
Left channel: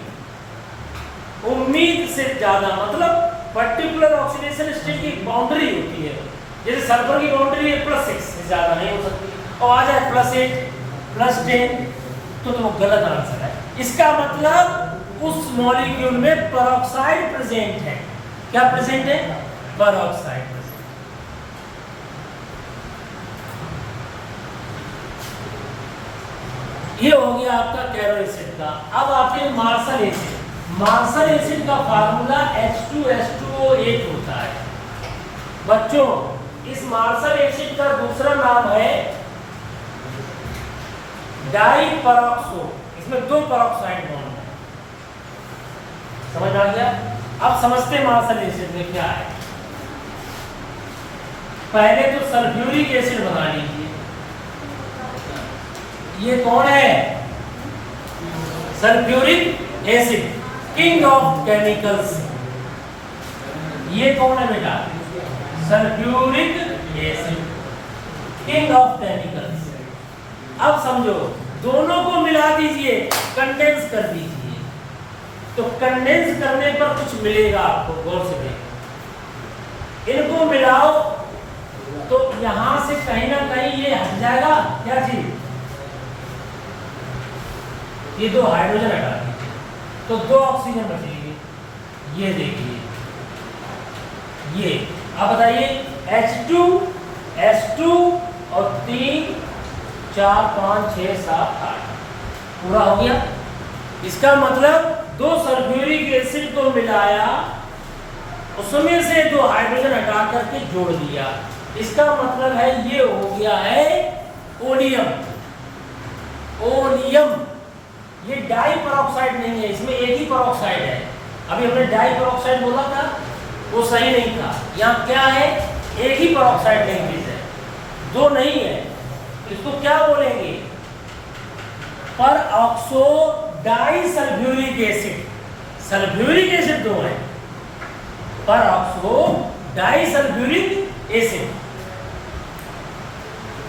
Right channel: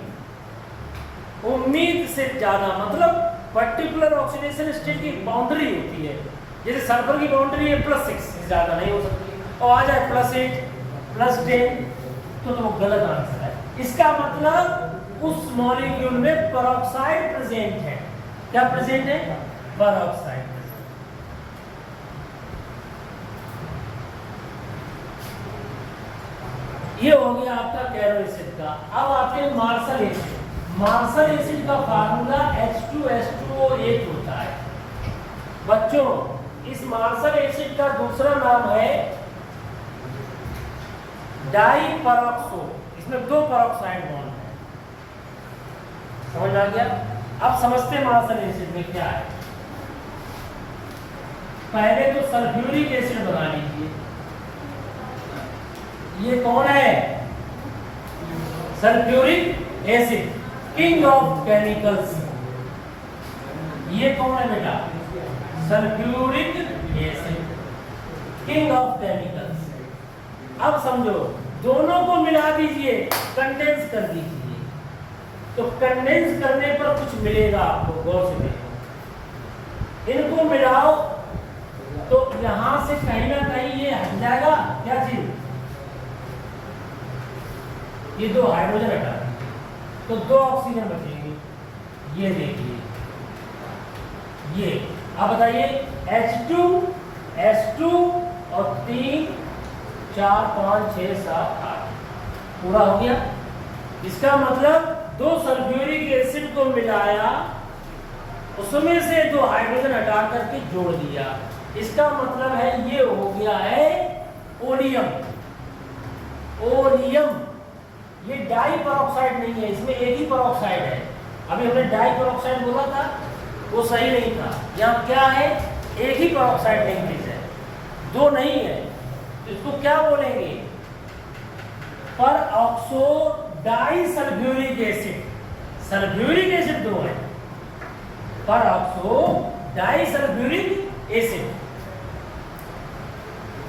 उम्मीद से ज्यादा, मतलब पर्टिकुलर ऑक्सीडेशन स्टेट की बाउंड्री होती है, जैसे सल्फर की बाउंड्री है +6 से ज्यादा नहीं हो सकती, और आ जाए +8 +10 तो वो गलत आंसर है। इसका मतलब उस मॉलिक्यूल में परऑक्साइड प्रेजेंट है। क्या प्रेजेंट है, परऑक्साइड प्रेजेंट। ये हो गया आपका कैरो एसिड का। अब आते हैं मार्शल एसिड। मार्शल एसिड का फार्मूला H2S2O8 होता है। बच्चों इस मार्शल एसिड का दूसरा नाम है डाइपरऑक्सो। इसमें 2 परऑक्साइड बॉन्ड है। समझ में आ गया। अब समझते हैं मार्शल एसिड में क्या है। पहले तो सल्फ्यूरिक एसिड बना लीजिए। ये कौन है, sulphuric acid, king of chemicals. ये कौन है बेटा, sulphuric acid, king of chemicals. अब समझो दोनों को मिला दीजिए, कंडेंस कर दीजिए, तो कंडेंस करने पर कुछ मिलेगा आपको, गौर से देखो। इनको मिलाओ तो यहां से कहीं ना कहीं ये हट जाएगा, क्या चीज, ये 2 हाइड्रोजन हटा दीजिए तो 2 ऑक्सीजन बचेगी। ये देखिए ये। अब बताइए H2 S2 और 3 4 5 6 7 8 पूरा हो गया। इसका मतलब 2 सल्फ्यूरिक एसिड को मिलाया, उसमें से 2 हाइड्रोजन हटा करके जोड़ दिया। इसका मतलब है ये हो गया है ओलियम। ओलियम ये डाई परऑक्साइड नहीं है, इसमें एक ही परऑक्साइड है। अभी हमने डाई परऑक्साइड बोला था, वो सही नहीं था। यहाँ क्या है, एक ही परऑक्साइड लैंग्वेज है। दो नहीं है, इसको क्या बोलेंगे? Peroxodisulphuric acid. Sulphuric acid दो है, पर ऑक्सो डाई सल्फ्यूरिक एसिड।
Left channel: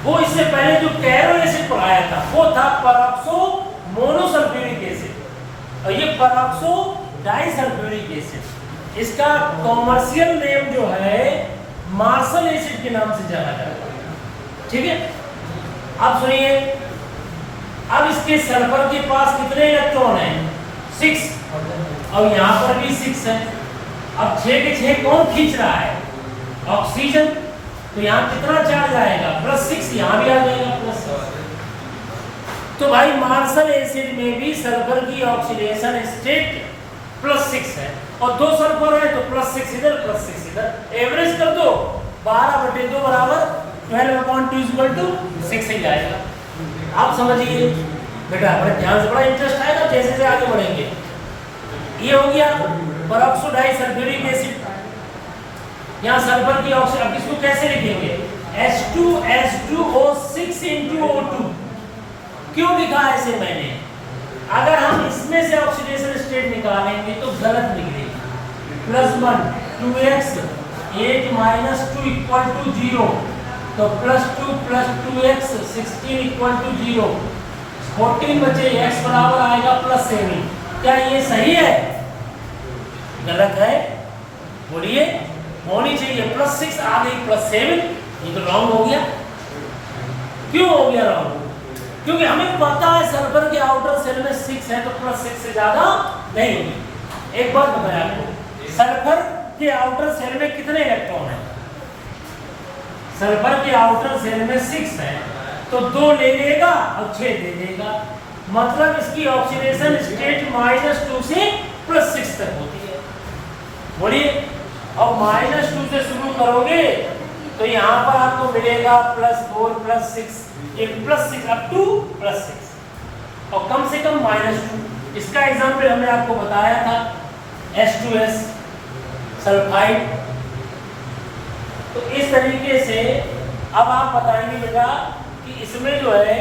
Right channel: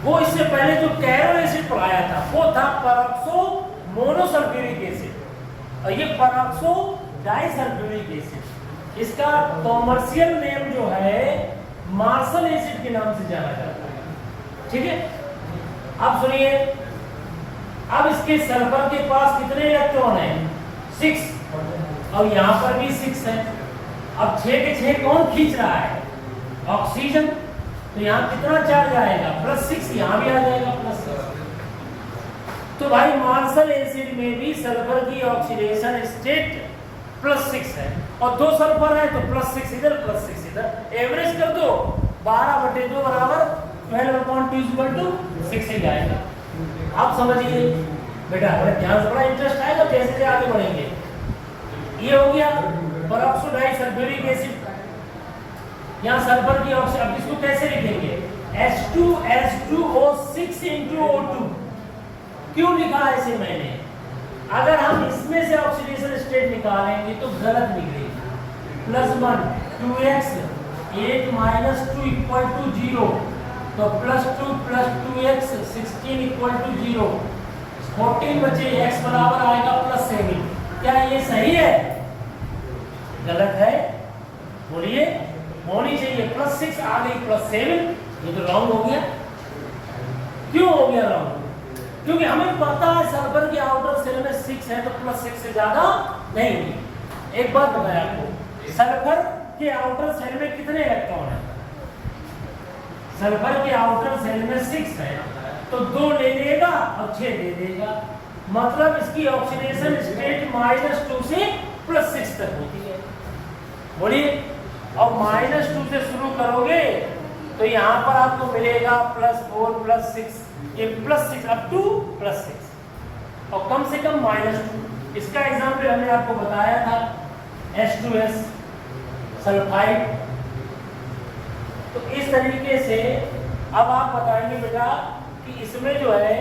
वो इससे पहले जो कैरो एसिड पढ़ाया था वो था परऑक्सो मोनोसल्फ्यूरिक एसिड, और ये परऑक्सो डाई सल्फ्यूरिक एसिड। इसका कॉमर्शियल नेम जो है मार्शल एसिड के नाम से जाना जाता है। ठीक है, अब सुनिए, अब इसके सल्फर के पास कितने इलेक्ट्रॉन हैं? 6, और यहाँ पर भी 6 है। अब 6 के 6 कौन खींच रहा है? ऑक्सीजन। तो यहाँ कितना चार्ज आएगा? +6, यहाँ भी आ जाएगा +6। तो भाई मार्शल एसिड में भी सल्फर की ऑक्सीडेशन स्टेट +6 है, और 2 सल्फर है तो +6 इधर +6 इधर, एवरेज कर दो 12/2 बराबर 12/2 = 6 ही आएगा। आप समझिए बेटा, बड़े ध्यान से, बड़ा इंटरेस्ट आएगा जैसे जैसे आगे बढ़ेंगे। ये हो गया परऑक्सो डाई सल्फ्यूरिक एसिड। यहाँ सल्फर की ऑक्सीजन, अब इसको कैसे लिखेंगे? H2SO6 × O2। क्यों लिखा है ऐसे मैंने? अगर हम इसमें से ऑक्सीडेशन स्टेट निकालेंगे तो गलत निकलेगी। +1 2x 8 - 2 = 0, तो +2 + 2x 16 = 0, 14 बचे, x बराबर आएगा +7। क्या ये सही है? गलत है, बोलिए। होनी चाहिए +6, आ गई +7, ये तो रॉन्ग हो गया। क्यों हो गया रॉन्ग? क्योंकि हमें पता है सल्फर के आउटर सेल में 6 है, तो +6 से ज्यादा नहीं। एक बात बताया आपको, सल्फर के आउटर सेल में कितने इलेक्ट्रॉन है? सल्फर के आउटर सेल में 6 है, तो 2 ले लेगा और 6 दे देगा। मतलब इसकी ऑक्सीडेशन स्टेट -2 से +6 तक होती है। बोलिए, अब -2 से शुरू करोगे तो यहाँ पर आपको मिलेगा +4 +6, ये +6 अप टू +6, और कम से कम -2। इसका एग्जाम्पल हमने आपको बताया था H2S सल्फाइड। तो इस तरीके से अब आप बताएंगे बेटा कि इसमें जो है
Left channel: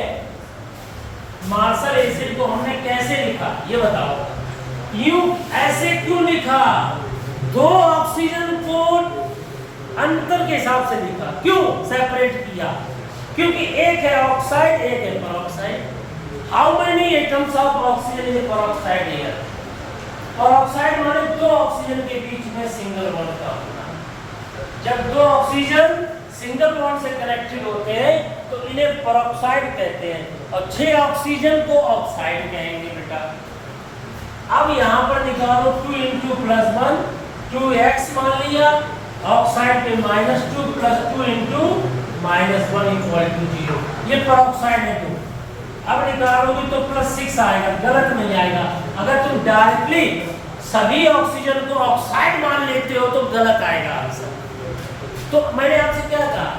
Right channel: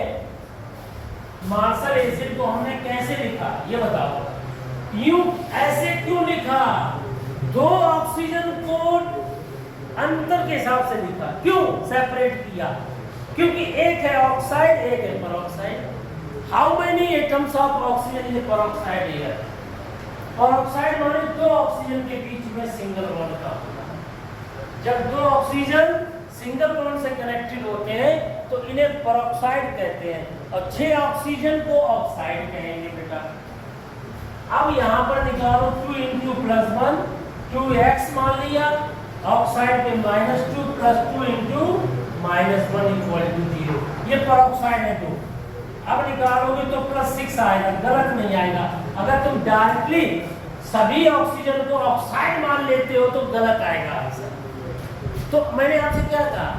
मार्शल एसिड को हमने कैसे लिखा, ये बताओ। यूं ऐसे क्यों लिखा? 2 ऑक्सीजन को अंतर के हिसाब से लिखा। क्यों सेपरेट किया? क्योंकि एक है ऑक्साइड, एक है peroxide. How many atoms of oxygen in peroxide here? Peroxide माने 2 ऑक्सीजन के बीच में सिंगल बॉन्ड का होना। जब 2 ऑक्सीजन सिंगल बॉन्ड से कनेक्टेड होते हैं तो इन्हें पेरोक्साइड कहते हैं, और 6 ऑक्सीजन को ऑक्साइड कहेंगे बेटा। अब यहाँ पर निकालो 2 × +1 2x मान लिया, ऑक्साइड पे -2 + 2 × -1 = 0, ये पेरोक्साइड है 2। अब निकालोगे तो +6 आएगा, गलत नहीं आएगा। अगर तुम डायरेक्टली सभी ऑक्सीजन को ऑक्साइड मान लेते हो तो गलत आएगा आंसर। तो मैंने आपसे क्या कहा,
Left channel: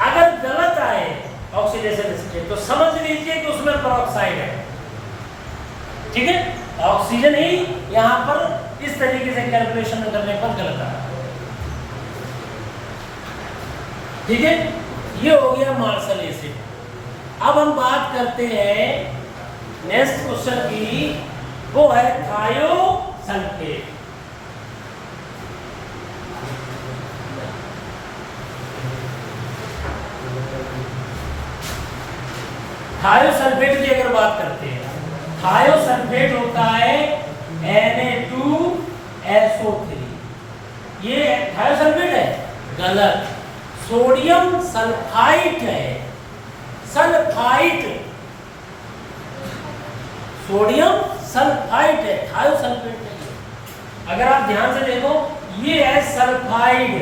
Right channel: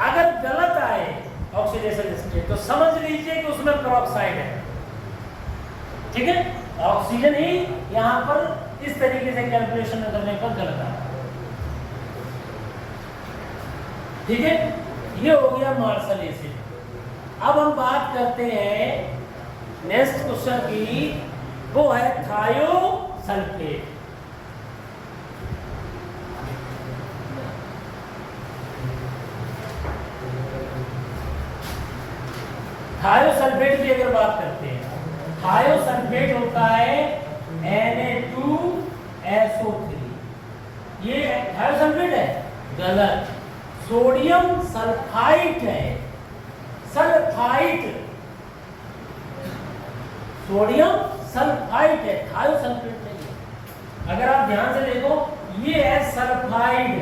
अगर गलत आए ऑक्सीडेशन स्टेट तो समझ लीजिए कि उसमें पेरोक्साइड है। ठीक है, ऑक्सीजन ही यहाँ पर इस तरीके से कैलकुलेशन करने पर गलत आ रहा है। ठीक है, ये हो गया मार्शल एसिड। अब हम बात करते हैं नेक्स्ट क्वेश्चन की, वो है थायोसल्फेट। थायोसल्फेट की अगर बात करते हैं, थायोसल्फेट होता है Na2SO3। ये थायोसल्फेट है? गलत, सोडियम सल्फाइट है। सल्फाइट, सोडियम सल्फाइट है, थायोसल्फेट नहीं। अगर आप ध्यान से देखो, ये है सल्फाइड,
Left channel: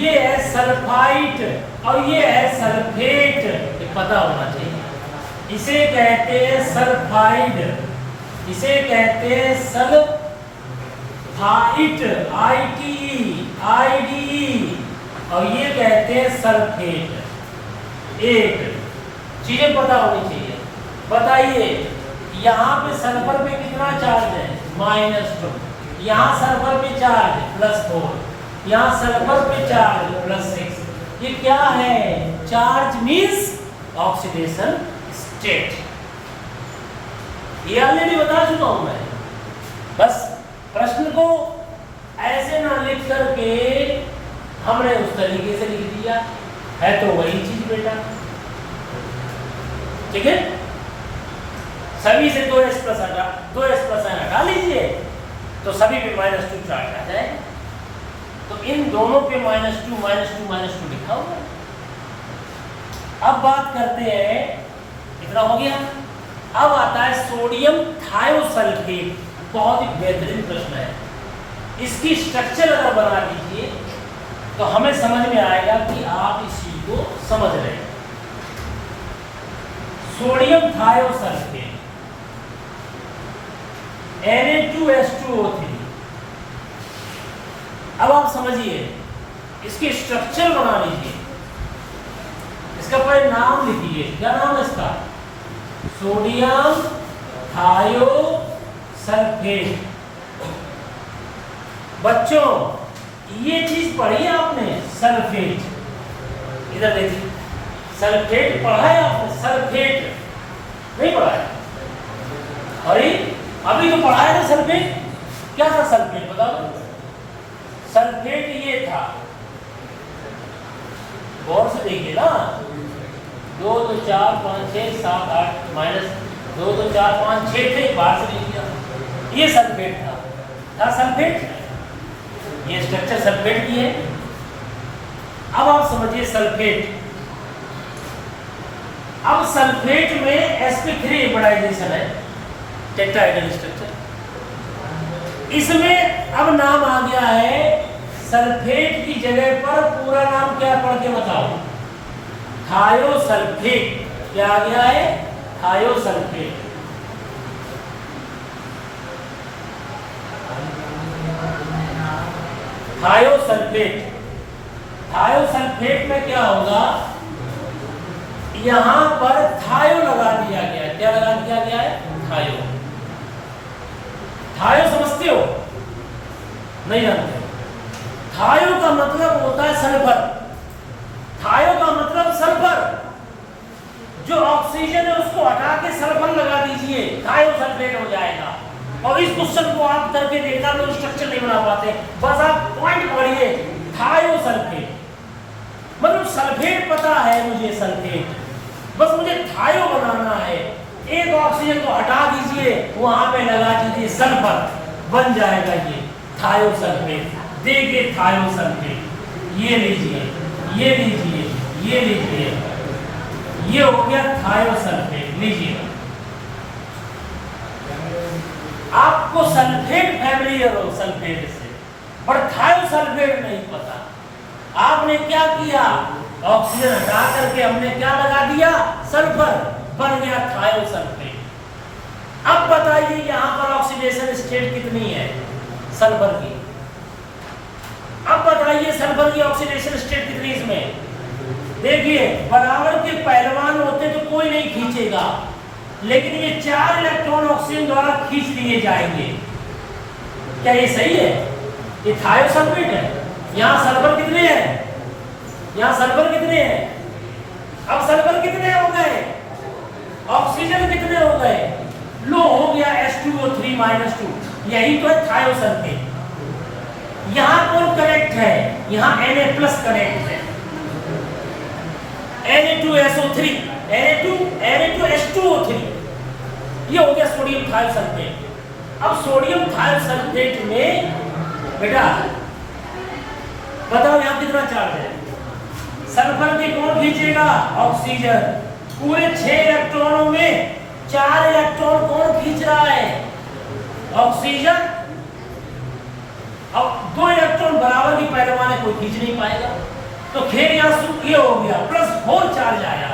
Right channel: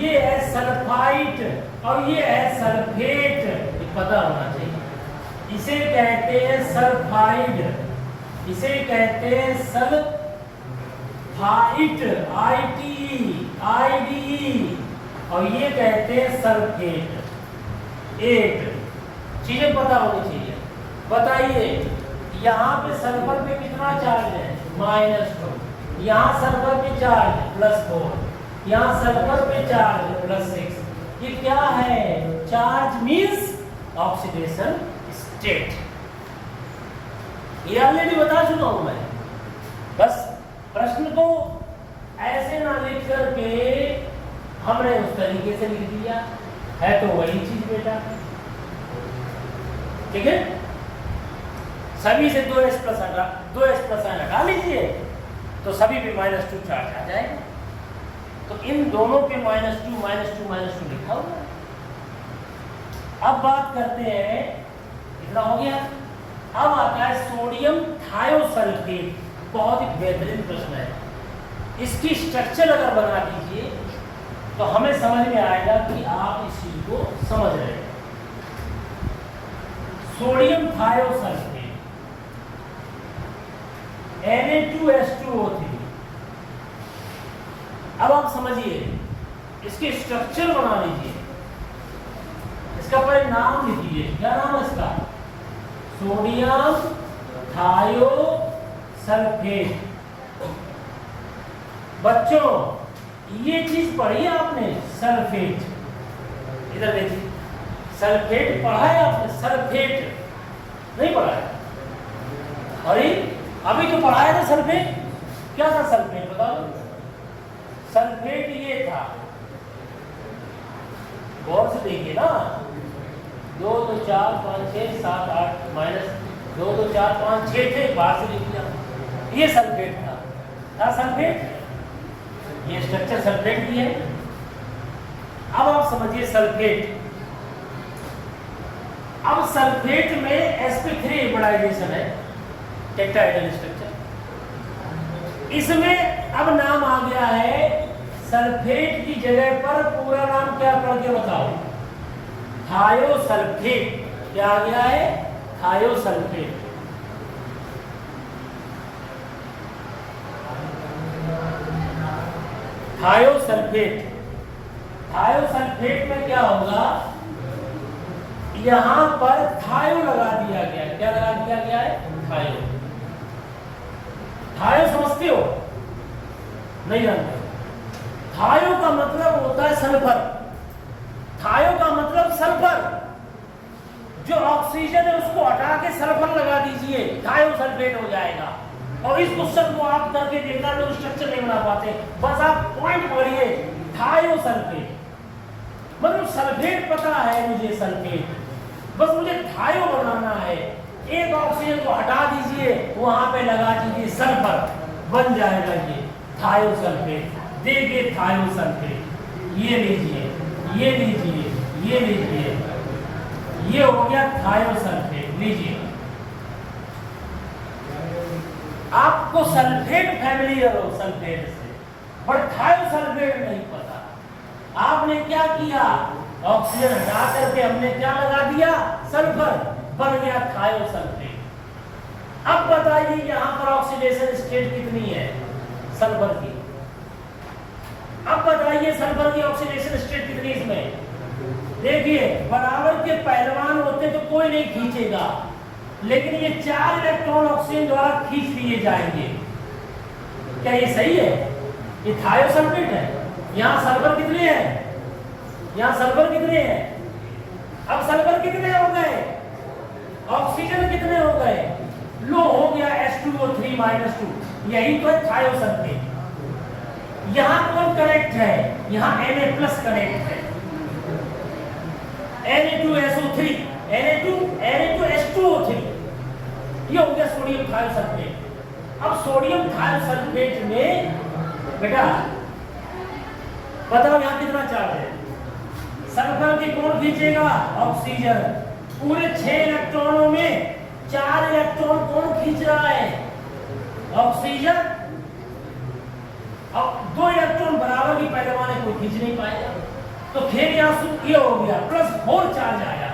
ये है सल्फाइट, और ये है सल्फेट, ये पता होना चाहिए। इसे कहते हैं सल्फाइड, इसे कहते हैं सल्फाइट, ITE, और ये कहते हैं सल्फेट। एक चीजें पता होनी चाहिए। बताइए, यहाँ पे सल्फर पे कितना चार्ज है? -2। यहाँ सल्फर पे चार्ज +4, यहाँ सल्फर पे चार्ज +6, ये क्या है? Charge means oxidation state. ये ऑलरेडी बता चुका हूं मैं। बस प्रश्न को ऐसे ना लिख करके हमने उस तरीके से लिख दिया है, तो वही चीज बेटा, ठीक है। सभी से 2s प्लस हटा लीजिए तो सभी पे -2 चार्ज आ जाएगा। तो इन दोनों पे -2 लिखा हुआ है। अब बात करते हैं, इतना हो गया। अब आता है सोडियम थायोसल्फेट। बहुत ही बेहतरीन प्रश्न है। इसकी स्ट्रक्चर अगर बना दीजिए तो हमें समझ में आएगा कि आप इस चीज को समझ रहे हैं। Sodium thiosulphate Na2H2O3। अब आप समझिए, इसकी स्ट्रक्चर बना लीजिए, इसका पहले नाम लिखिए। क्या नाम है इसका? Sodium thiosulphate. बच्चों ये चीज पढ़ी है आपने, सल्फेट। इधर देखिए, सल्फेट पढ़ा है आपने? सल्फेट नहीं पढ़ा है? अरे अभी तो पढ़ा है ना सल्फेट। क्या था सल्फेट, बता दो। सल्फेट ये था, गौर से देखिए ना, 2 तो 4 5 6 7 8 -2 तो 4 5 6 थे, बाहर से लिख दिया। ये सल्फेट था सल्फेट। ये स्ट्रक्चर सल्फेट की है। अब आप समझिए सल्फेट। अब सल्फेट में sp3 हाइब्रिडाइजेशन है, टेट्राहेड्रल स्ट्रक्चर। इसमें अब नाम आ गया है, सल्फेट की जगह पर पूरा नाम क्या पढ़ के बताओ? थायोसल्फेट। क्या आ गया है? थायोसल्फेट। थायोसल्फेट। थायोसल्फेट में क्या होगा? यहां पर थायो लगा दिया गया है। क्या लगा दिया गया है? थायो। थायो समझते हो? नहीं जानते? थायो का मतलब होता है सल्फर। थायो का मतलब सल्फर। जो ऑक्सीजन है उसको हटा के सल्फर लगा दीजिए, थायोसल्फेट हो जाएगा। और इस क्वेश्चन को आप करके देखना तो स्ट्रक्चर नहीं बना पाते। बस आप पॉइंट पढ़िए, थायोसल्फेट मतलब सल्फेट पता है मुझे, सल्फेट। बस मुझे थायो बनाना है। एक ऑक्सीजन को हटा दीजिए, वहां पे लगा दीजिए सल्फर, बन जाएगा ये थायोसल्फेट। देखिए थायोसल्फेट, ये लीजिए, ये लीजिए, ये लीजिए, ये हो गया थायोसल्फेट। लीजिए, आपको सल्फेट फैमिलियर हो सल्फेट से, पर थायोसल्फेट नहीं पता। आपने क्या किया? ऑक्सीजन हटा करके हमने क्या लगा दिया? सल्फर, बन गया थायोसल्फेट। अब बताइए यहां पर ऑक्सीडेशन स्टेट कितनी है सल्फर की? अब बताइए सल्फर की ऑक्सीडेशन स्टेट कितनी इसमें? देखिए, बराबर के पहलवान होते तो कोई नहीं खींचेगा, लेकिन ये 4 इलेक्ट्रॉन ऑक्सीजन द्वारा खींच लिए जाएंगे। क्या ये सही है? ये थायोसल्फेट है। यहां सल्फर कितने हैं? यहां सल्फर कितने हैं? अब सल्फर कितने हो गए? ऑक्सीजन कितने हो गए? लो हो गया H2O3 -2। यही तो है थायोसल्फेट। यहां कौन कनेक्ट है? यहां Na+ कनेक्ट है। Na2SO3, Na2H2O3, ये हो गया सोडियम थायोसल्फेट। अब सोडियम थायोसल्फेट में बेटा बताओ यहां कितना चार्ज है? सल्फर की कौन खींचेगा? ऑक्सीजन। पूरे 6 इलेक्ट्रॉनों में 4 इलेक्ट्रॉन कौन खींच रहा है? ऑक्सीजन। अब 2 इलेक्ट्रॉन बराबर की पैमाने कोई खींच नहीं पाएगा, तो खेल यहां ये हो गया, +4 चार्ज आया।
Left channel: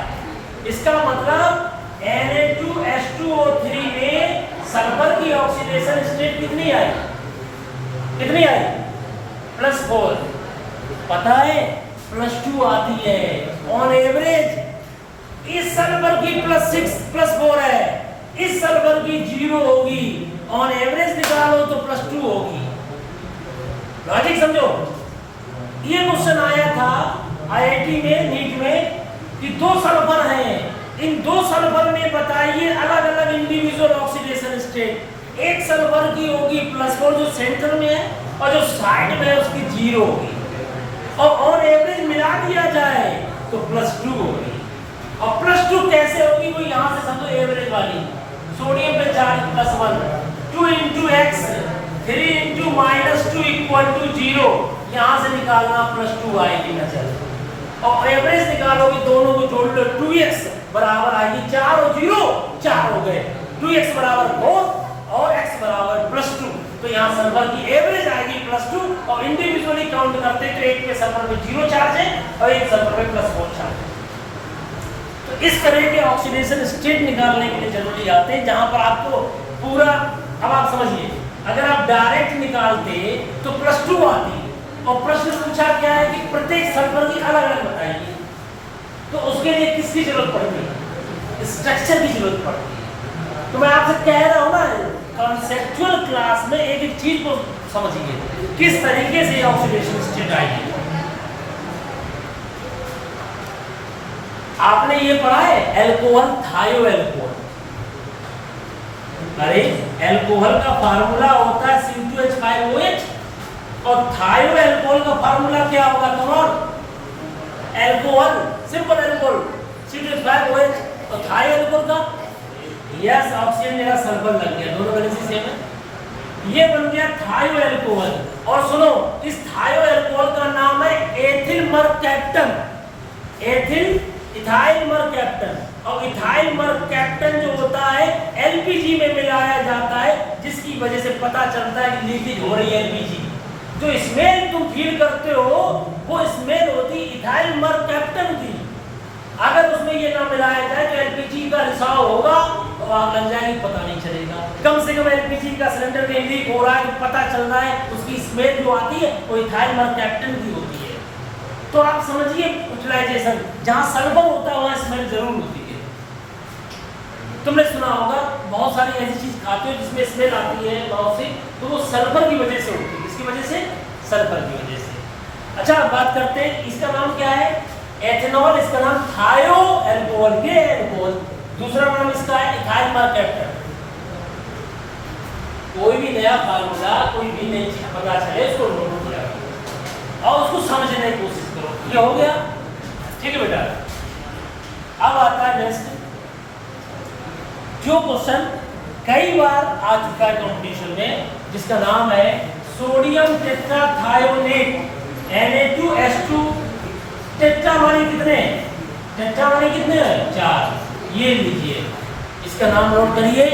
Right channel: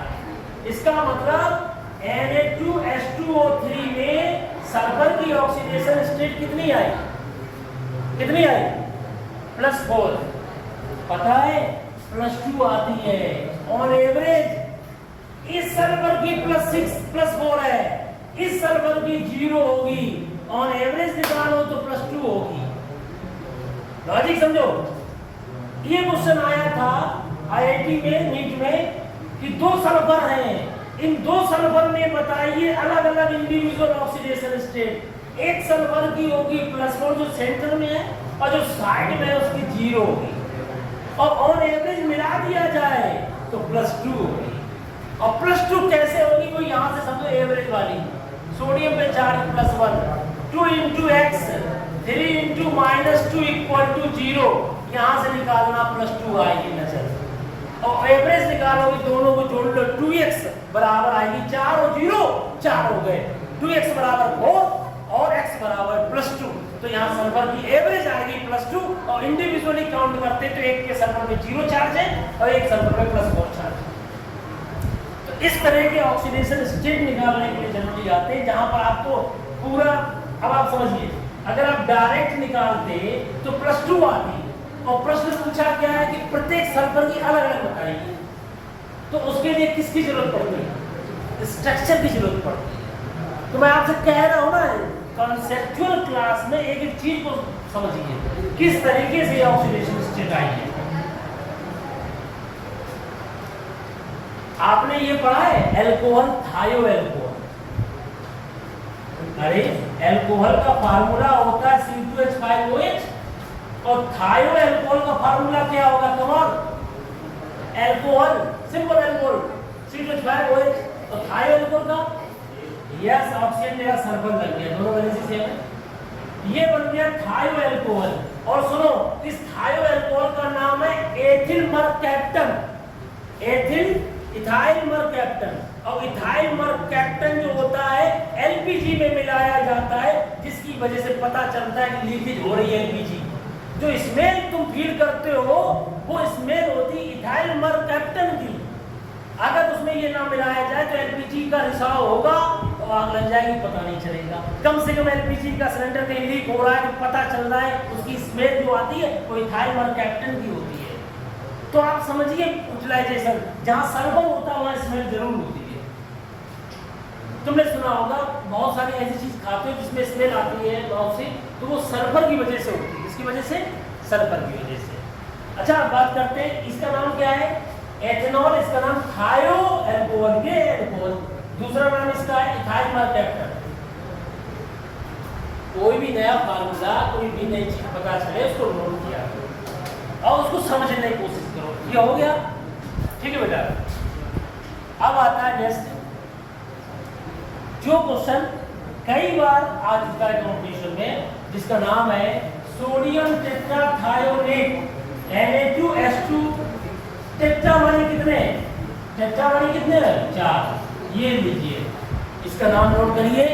इसका मतलब Na2H2O3 में सल्फर की ऑक्सीडेशन स्टेट कितनी आई? कितनी आई? +4। पता है +2 आती है ऑन एवरेज। इस सल्फर की +4 है, इस सल्फर की 0 होगी। ऑन एवरेज निकालो तो +2 होगी। लॉजिक समझो। ये क्वेश्चन आया था आईआईटी में नीट में कि 2 सल्फर हैं, इन 2 सल्फर में बताइए अलग अलग इंडिविजुअल ऑक्सीडेशन स्टेट। एक सल्फर की होगी +4 जो सेंटर में है, और जो साइड में है उसकी 0 होगी, और ऑन एवरेज मिला दिया जाए तो +2 होगी। और +2 कैसे होगी, वो यहाँ से समझो एवरेज वाली, सोडियम पे चार्ज +1, 2 × x 3 × -2 = 0, यहाँ से निकालना +2 आएगी नजर। और एवरेज निकालोगे दोनों को जोड़ लो, 2x बराबर आएगी 4 और 0 4 हो गए, 2x बराबर 4 और x बराबर +2। तो यहाँ सल्फर की एवरेज आएगी +2, और इंडिविजुअली काउंट करते तो एक पे सल्फर में 0 चार्ज है और एक सल्फर में +4 चार्ज है। तो इस तरह के ऑक्सीडेशन स्टेट निकालने के लिए जरूरी आते हैं, जहां पर आपको पूरा, अब आप समझिए, अगर आप डायरेक्ट निकालते तो +2 आती, और प्रश्न पूछा क्या है कि प्रत्येक सल्फर की अलग अलग बताइए, तो उसके लिए किसकी जरूरत पड़ती है, स्ट्रक्चर की जरूरत पड़ती है। तो मैं आपसे कह रहा हूं ना, कॉन्सेप्चुअल क्लास में एक एक चीज को समझिए किस तरीके से ऑक्सीडेशन स्टेट आएगी। आपने ये पढ़ा है एल्कोहल, थायो एल्कोहल। अरे एल्कोहल का फार्मूला होता है C2H5OH, और थायो एल्कोहल का फार्मूला क्या होगा come on? Alcohol, simple alcohol C2H5OH, और थायो एल्कोहल का यस ऑक्सीजन मेरा सल्फर लग गया, दोनों वैलेंसी सेम है, ये बन गया थायो एल्कोहल। और सुनो, इस थायो एल्कोहल का नाम है ethyl mercaptan, ethyl ethyl mercaptan. और इथाइल मरकैप्टन जो होता है एलपीजी में मिलाया जाता है, जिसकी वजह से पता चलता है कि लीकेज हो रही है एलपीजी। जो स्मेल तुम फील करते हो वो स्मेल होती इथाइल मरकैप्टन की। अगर उसमें ये ना मिलाया जाए तो एलपीजी का रिसाव होगा और आग लग जाएगी, पता नहीं चलेगा। कम से कम एलपीजी का सिलेंडर कहीं लीक हो रहा है, पता चल रहा है, उसकी स्मेल जो आती है वो इथाइल मरकैप्टन की होती है। तो आप समझिए यूटिलाइजेशन, जहां सल्फर होता है वहां स्मेल जरूर होती है। तुमने सुना होगा बहुत सारी ऐसी चीज खाते हो जिसमें स्मेल आती है बहुत सी, तो वो सल्फर की वजह से होती है। इसकी वजह से, सल्फर की वजह से। अच्छा, बात करते हैं, इसका नाम क्या है? एथेनॉल, इसका नाम थायो एल्कोहल, ये एल्कोहल। दूसरा नाम इसका है इथाइल मरकैप्टन। कोई भी नया फार्मूला, कोई भी नई चीज पता चले उसको नोट किया और उसको समझने की कोशिश करो। ये हो गया, ठीक है बेटा। अब आता है नेक्स्ट, जो क्वेश्चन कई बार आ चुका है कंपटीशन में, जिसका नाम है सोडियम टेट्राथायोनेट, Na2H2। टेट्रा माने कितने? टेट्रा माने कितने? 4। ये लीजिए, इसका नाम नोट करिए।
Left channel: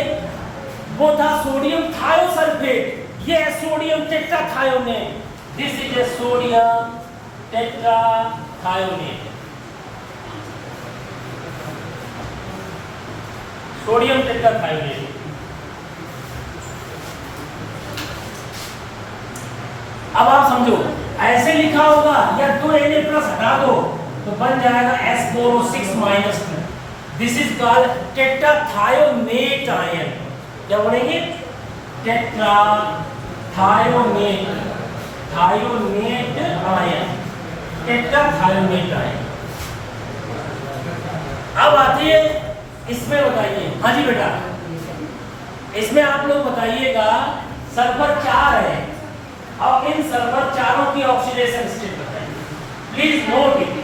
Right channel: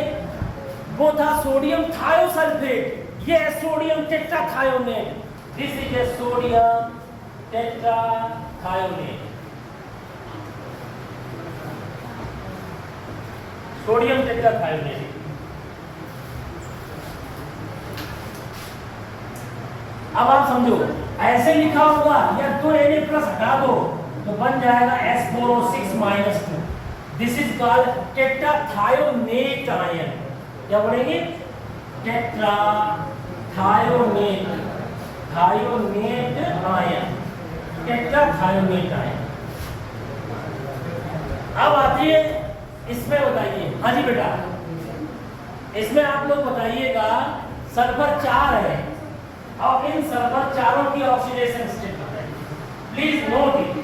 वो था सोडियम थायोसल्फेट, ये है sodium tetrathionate. This is a sodium tetrathionate, sodium tetrathionate. अब आप समझो, ऐसे लिखा होगा या 2 Na+ हटा दो तो बन जाएगा S4O6 -2। This is called tetrathionate ion. क्या बोलेंगे? Tetrathionate, thionate ion, tetrathionate ion. अब आती है इसमें, बताइए। हाँ जी बेटा, इसमें आप लोग बताइएगा सल्फर 4 है, और इन सल्फर चारों की ऑक्सीडेशन स्टेट बताइए, प्लीज नोट इट।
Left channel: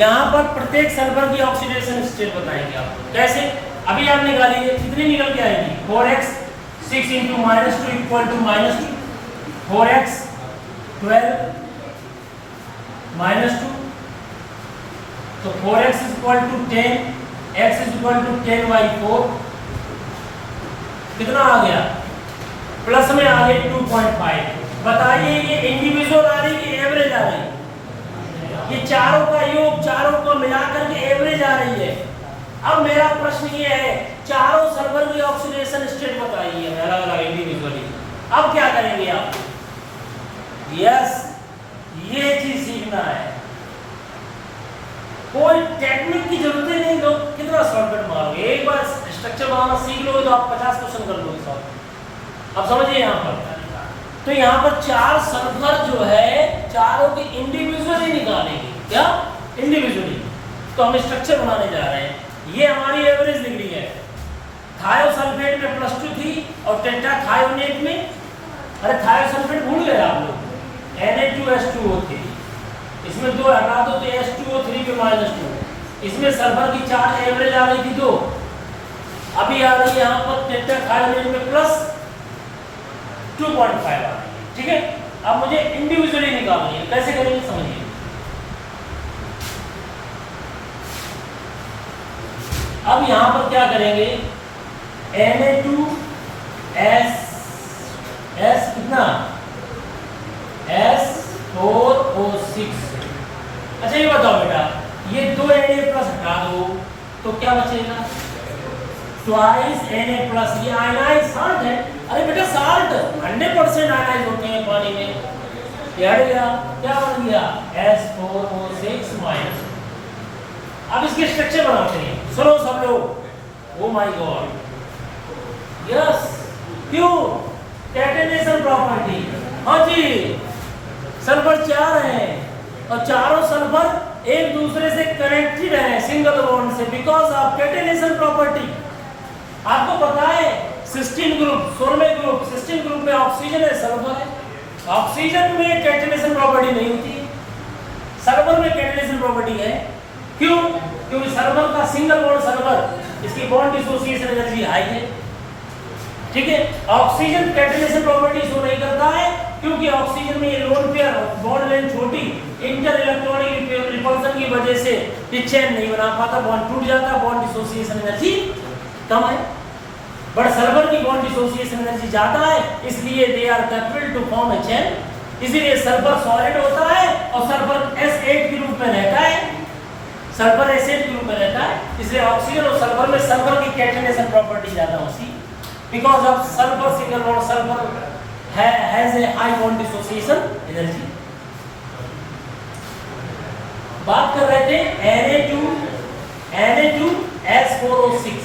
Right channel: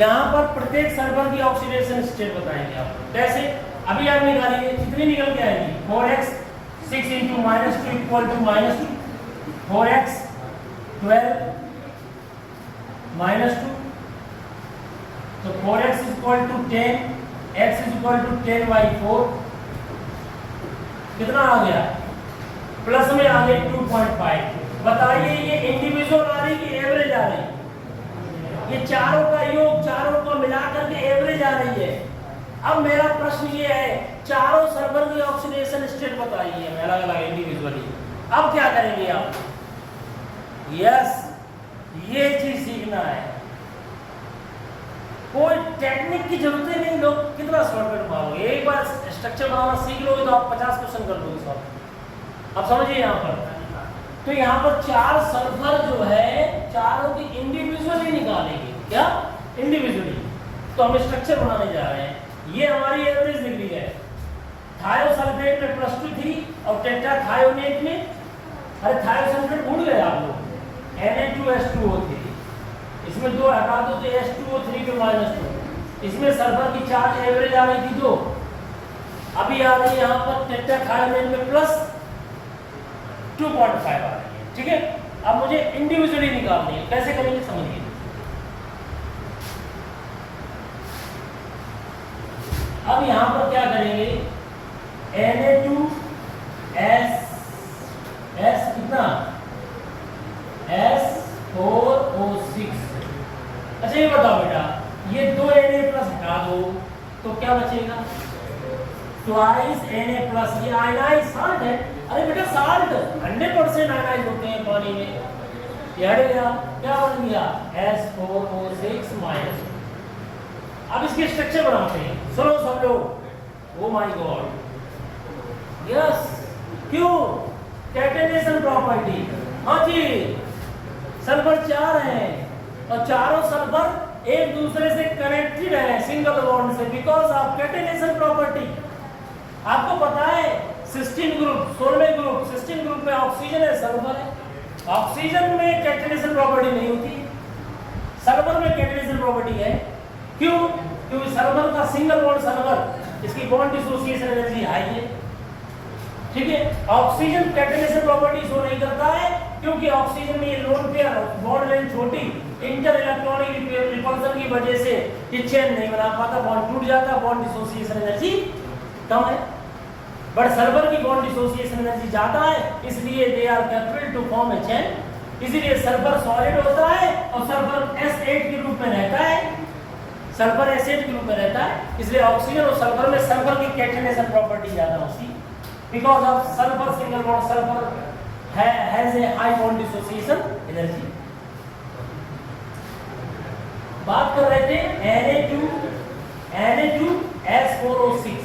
यहां पर प्रत्येक सल्फर की ऑक्सीडेशन स्टेट बताएंगे आपको। कैसे? अभी आप निकालेंगे, कितनी निकल के आएगी? 4x 6 × -2 = -2, 4x 12 -2, तो 4x = 10, x = 10/4। कितना आ गया? प्लस में आ गया 2.5। बताइए ये इंडिविजुअल आ रही कि एवरेज आ रही? ये चारों का योग, चारों को मिलाकर के एवरेज आ रही है। अब मेरा प्रश्न ये है, चारों सल्फर की ऑक्सीडेशन स्टेट बताइए अलग अलग इंडिविजुअली। अब क्या करेंगे आप? यस, ये चीज सीखना है। कोई टेक्निक की जरूरत ही नहीं, लोग कितना शॉर्टकट मारोगे। एक बार स्ट्रक्चर बनाना सीख लोगे तो आप 50 क्वेश्चन कर लोगे सब। अब समझिए, यहाँ पर तो यहाँ पर 4 सल्फर जो है चारों की इंडिविजुअली निकालेंगे। क्या? इंडिविजुअली। तो हम स्ट्रक्चर बनाने जा रहे हैं। ये हमारी एवरेज डिग्री है। थायोसल्फेट में +2 थी और टेट्राथायोनेट में, अरे थायोसल्फेट भूल गए आप लोग, Na2H2O3, इसमें 2 हटा दो तो H2O3 पे -2। इसमें सल्फर की 4 एवरेज आ रही थी 2, अभी आ रही है यहाँ पर टेट्राथायोनेट में +2.5 आ रही है। ठीक है, अब मुझे इंडिविजुअली निकालनी है। कैसे करेंगे समझिए। अब यहाँ पर क्या करेंगे, Na2S कितना S4O6। अच्छा ये बताओ बेटा, ये 2 Na+ हटा दो तो क्या बचेगा? Twice Na+। ये आयनाइज साल्ट है। अरे बेटा साल्ट 100% आयनाइज होते हैं पानी में। ये हट गया, क्या बन गया? S4O6-। अब इसके स्ट्रक्चर बनाते हैं, सुनो सब लोग। ओ माय गॉड, यस, क्यों? Catenation property. हाँ जी, सल्फर 4 हैं और चारों सल्फर एक दूसरे से कनेक्टेड है सिंगल बॉन्ड से, बिकॉज ऑफ कैटेनेशन प्रॉपर्टी। आपको पता है सिस्टीन ग्रुप, 16वें ग्रुप, सिस्टीन ग्रुप में ऑक्सीजन है, सल्फर है। ऑक्सीजन में कैटेनेशन प्रॉपर्टी नहीं होती है, सल्फर में कैटेनेशन प्रॉपर्टी है। क्यों? क्योंकि सल्फर का सिंगल बॉन्ड सल्फर, इसकी बॉन्ड डिसोसिएशन एनर्जी हाई है। ठीक है, ऑक्सीजन कैटेनेशन प्रॉपर्टी शो नहीं करता है क्योंकि ऑक्सीजन में ये लोन पेयर बॉन्ड लेंथ छोटी, इंटर इलेक्ट्रॉनिक रिपल्सन की वजह से ये चेन नहीं बना पाता, बॉन्ड टूट जाता, बॉन्ड डिसोसिएशन एनर्जी कम है। बट सल्फर की बॉन्ड डिसोसिएशन एनर्जी ज्यादा है, इसलिए they are capable to form a chain. इसीलिए सल्फर सॉलिड होता है और सल्फर S8 के रूप में रहता है, सल्फर एसिड के रूप में रहता है। इसलिए ऑक्सीजन और सल्फर में सल्फर की कैटेनेशन प्रॉपर्टी ज्यादा होती है, because of sulphur single bond sulphur has a high bond dissociation energy. बात कर रहे थे Na2S4O6।